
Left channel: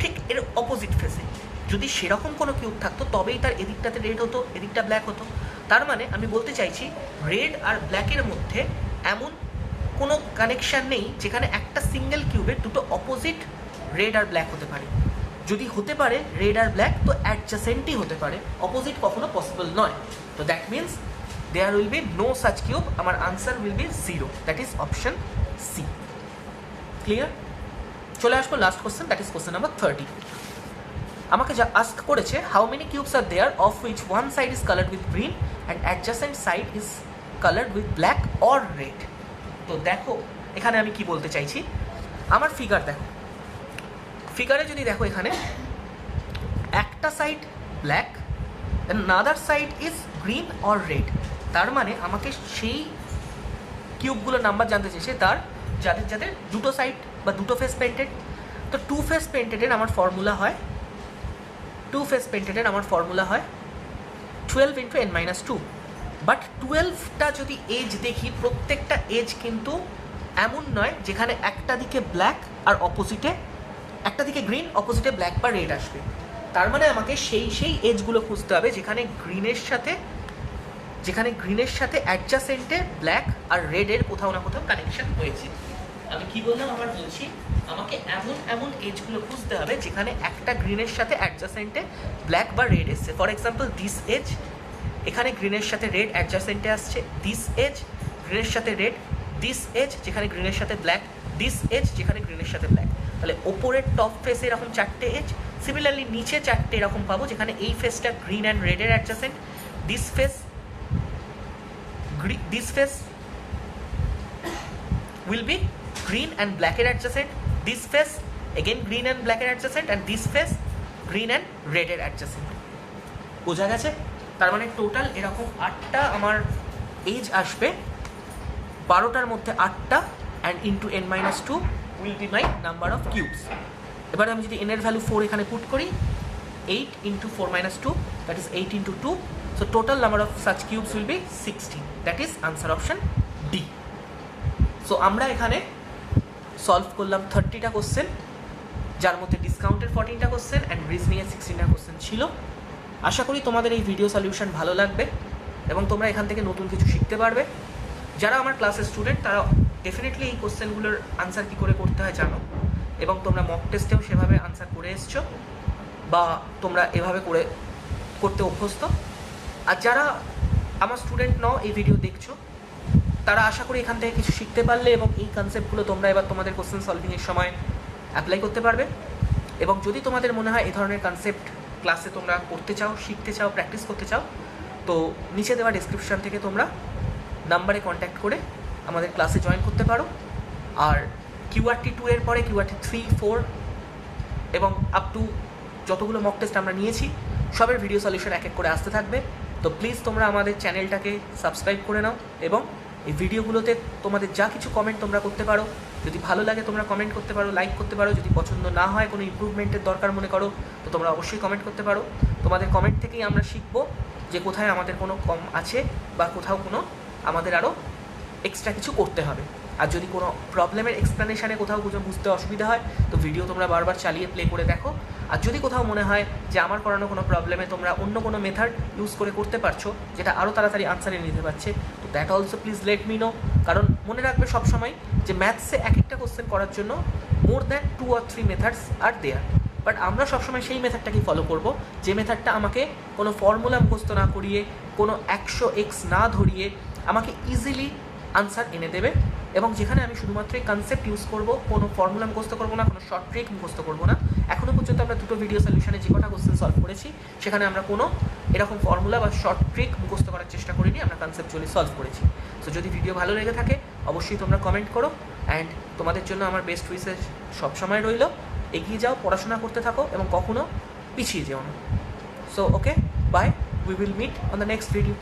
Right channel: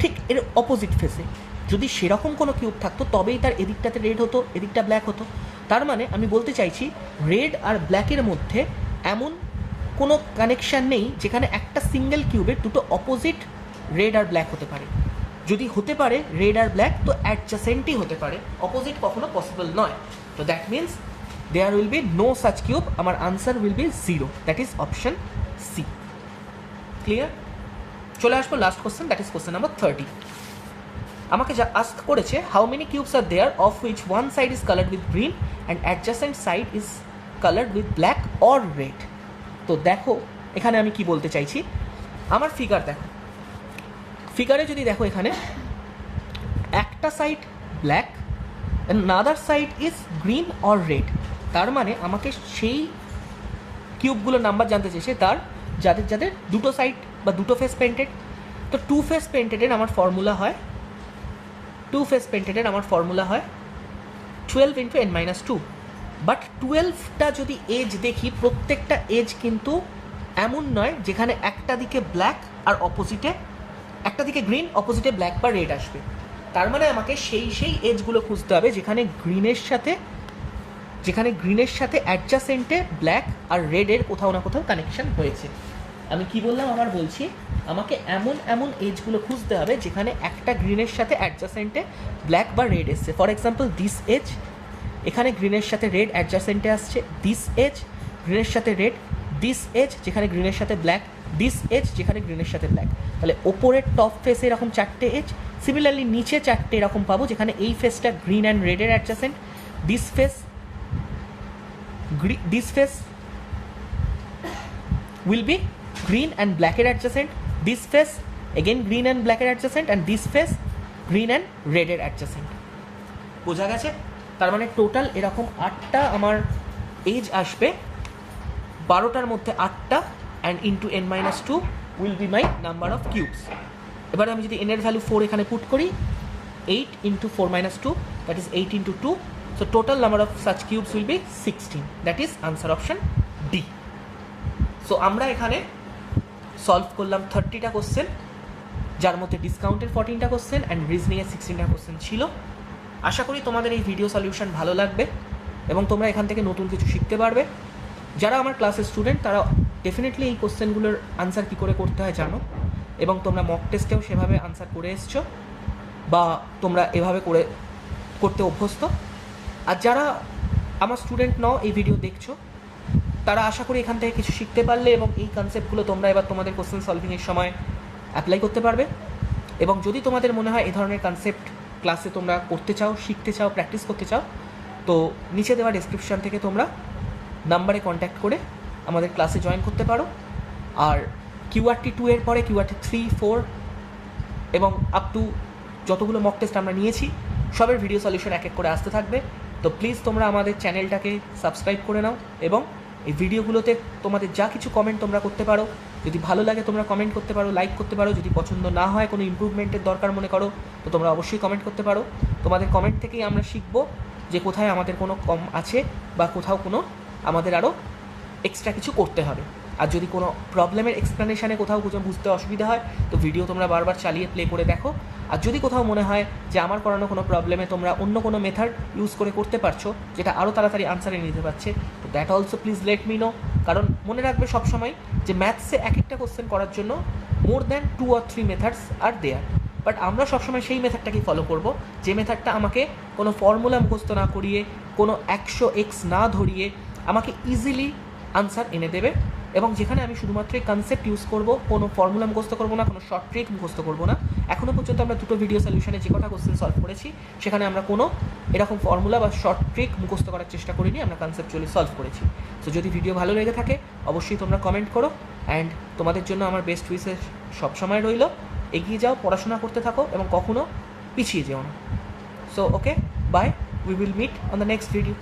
ঠিক এর অপোজিট ফেসে। যদি সেরকম কোনো কিউব থাকতো তবেই তার এদিকটাতে রেড হতো, এদিকটা ব্ল্যাক হতো। তার মানে আমি বলতে চাইছি রেড আর ব্ল্যাকের মধ্যে এমন কোনো কানেকশান নেই যেখানে একটা সিঙ্গেল কিউবে দুটো অপোজিট রেড আর ব্ল্যাক হতে পারে। যদি হতে পারে রেড আর ব্ল্যাক, তো অ্যাডজাসেন্টই হতে পারে, অপোজিট কখনো পসিবল নয়। তো that means there will be no such cube. আমার answer will be 0, that is option C. Clear? চলে আসবো last question, that is question number 30। আমাকে যা আস্ক করেছে, how many cubes are there of which one side is coloured with green and adjacent side is coloured with black or red. তো দেখো এখানে আমি কি বলতে চাইছি, আমার ফিগার দেখো, ফিগারে যদি দেখো এখানে একটা side black and other side is green or red, তার মানে আমাকে সেই কিউবগুলোর নাম্বার জানতে চেয়েছে তার যাদের যাদের দুটো সাইড বা দুটো ফেস পেন্টেড। তো টু ফেস পেন্টেডের আমার ফর্মুলা হয় 12 × n-2। বাট 12টা যদি এজ দেখি, প্রত্যেকটা এজ কিন্তু এমন নয় যেখানে একটা দিকে ব্ল্যাক আর অপোজিটে, একটা দিকে গ্রিন অপোজিটে ব্ল্যাক বা রেড আসবে। তার মানে আমাকে সেই এজগুলো খুঁজতে হবে যেখানে গ্রিনের সাথে অ্যাডজাসেন্টে ব্ল্যাক আর রেডের কোথাও না কোথাও কানেকশন হয়েছে। আমি কি বললাম, আবার বলছি, আমাকে এমন এজগুলো খুঁজতে হবে যেখানে একটা গ্রিনের সাথে অ্যাডজাসেন্টে ব্ল্যাক বা রেড এসছে। ফর এক্সাম্পল দিস এজ, এখানে গ্রিনের সাথে রেড অ্যাডজাসেন্টে আসছে, দিস এজ গ্রিনের সাথে রেড, দিস এজ যেখানে গ্রিনের সাথে ব্ল্যাক, দিস এজ যেখানে গ্রিনের সাথে ব্ল্যাক। তাহলে ওপরের টপ ফেসে এরকম 4টে এজ, সিমিলারলি নিচে 4টে এরকম পাবো যেখানে এই ফেসটা গ্রিন অ্যান্ড রেডের adjacent, this face will be green and black এর adjacent, this face again green and black এর adjacent, and this face green and red এর adjacent। বোঝা গেছে? তার মানে টোটাল এরকম 8টা আমার এজ আসবে, 12টার মধ্যে 8টা, and into n-2 will be my number of cubes। এবার আমি যদি n এর ভ্যালু 4 এখানে পুট করি, 8 × 4 - 2, that is 8 × 2, so total number of such cubes will be 16, that is answer option D। So আমরা এখানে সলভ করলাম 30টা কোশ্চেন, যার মধ্যে ডিসকাউন্টের 14টা কোশ্চেন অ্যান্ড রিজনিংয়ের 16টা কোশ্চেন ছিল। আশা করি তোমাদের এই ভিডিও সলিউশন ভালো লাগবে এবং তোমরা এখান থেকে নতুন কিছু শিখতে পারবে। যারা আমার ক্লাসের স্টুডেন্ট তারা ডেফিনেটলি এই কোশ্চেনগুলোর আনসার কী করে করতে হয় জানো, এবং তোমরা মক টেস্টেও সেভাবে আনসার করে এসছো বা তোমরা এভাবে করতে অভ্যস্ত। আর যারা আমার স্টুডেন্ট নও, এই ভিডিও দেখছো, তারা আশা করি এখান থেকে কিছু শিখতে পারলে এবং এই কনসেপ্টগুলো তোমরা এবার তোমাদের কোশ্চেন সলভিংয়ের সময় অ্যাপ্লাই করতে পারবে। এবং যদি তোমাদের মনে হয় এই ধরনের কনসেপ্ট ক্লাসে তোমরা করতে চাও, শিখতে চাও, প্র্যাকটিস করতে চাও, তো নিচে দেওয়া ডেসক্রিপশন থেকে তোমরা নাম্বারে কন্ট্যাক্ট করে আমাদের ক্লাসে জয়েন করতে পারো। আর QRT 2 এর পরে QRT 3, 4 এবং আপ টু যতগুলো মক টেস্ট আমরা নিয়েছি সবের ভিডিও সলিউশন এক এক করে আসতে থাকবে। তো প্লিজ তোমরা আমাদের চ্যানেলটাকে সাবস্ক্রাইব করে নাও এবং এই ভিডিওগুলোতে তোমাদের যা কিছু কমেন্ট তোমরা করতে পারো, যদি ভালো লাগে তোমরা কমেন্ট করতে পারো, লাইক করতে পারো। যদি পছন্দ না হয়, কোনো ইমপ্রুভমেন্টের দরকার মনে করো, তো তোমরা অবশ্যই কমেন্ট করতে পারো। তোমাদের কমেন্ট থেকেই আমরা শিখবো যে কোথায় আমাদের কোনো কম আছে বা কোথাও কোনো আমাদের আরও এক্সট্রা কিছু করতে হবে। আর যদি কোনো প্রবলেমের এক্সপ্লেনেশানে কোথাও বুঝতে অসুবিধা হয় তো ভিডিও তোমরা বারবার চালিয়ে প্লে করে দেখো। আর যদি কোথাও মনে হয় যে আমার করানো কোনো প্রবলেমে তোমরা অন্য কোনো মেথড ইউজ করে করতে পারছো যেটা আরও তাড়াতাড়ি আনসারে নিতে পারছে, তো that also please let me no. কারণ মনে রাখবে সবসময় যে ম্যাথসে এক একটা কোশ্চেন করার জন্য more than 2 or 3 methods are there, but আমরা সবসময় সেই মেথডটাকেই ফলো করব যে মেথডটা আমাকে কোনো ফর্মুলা মুখস্থ না করিয়ে, কোনো 100x না ধরিয়ে আমাকে ইজিলি আনসার এনে দেবে, এবং যেখানে আমি শুধুমাত্র এই কনসেপ্ট ইউজ করব, কোনো ফর্মুলা মুখস্থ করবো না, কোনো শর্ট ট্রিক মুখস্থ করবো না। এখনও পর্যন্ত আমরা দুটো ভিডিও সলিউশনে যে কটা কোশ্চেন সলভ করেছি সেখানে আমরা কোনো এরকম ফর্মুলা বা শর্ট ট্রিক মুখস্থ করার চেষ্টা করিনি, আমরা কনসেপচুয়ালি সলভ করেছি। তো যদি ভিডিও ভালো লেগে থাকে অবশ্যই তোমরা কমেন্ট করো, অ্যান্ড তোমাদের জন্য আমার বেস্ট উইশেস সবসময় রইল। এগিয়ে যাও, পড়াশোনা করতে থাকো এবং কখনো পিছিয়ে যেও না। So okay, bye, we will meet on the next video.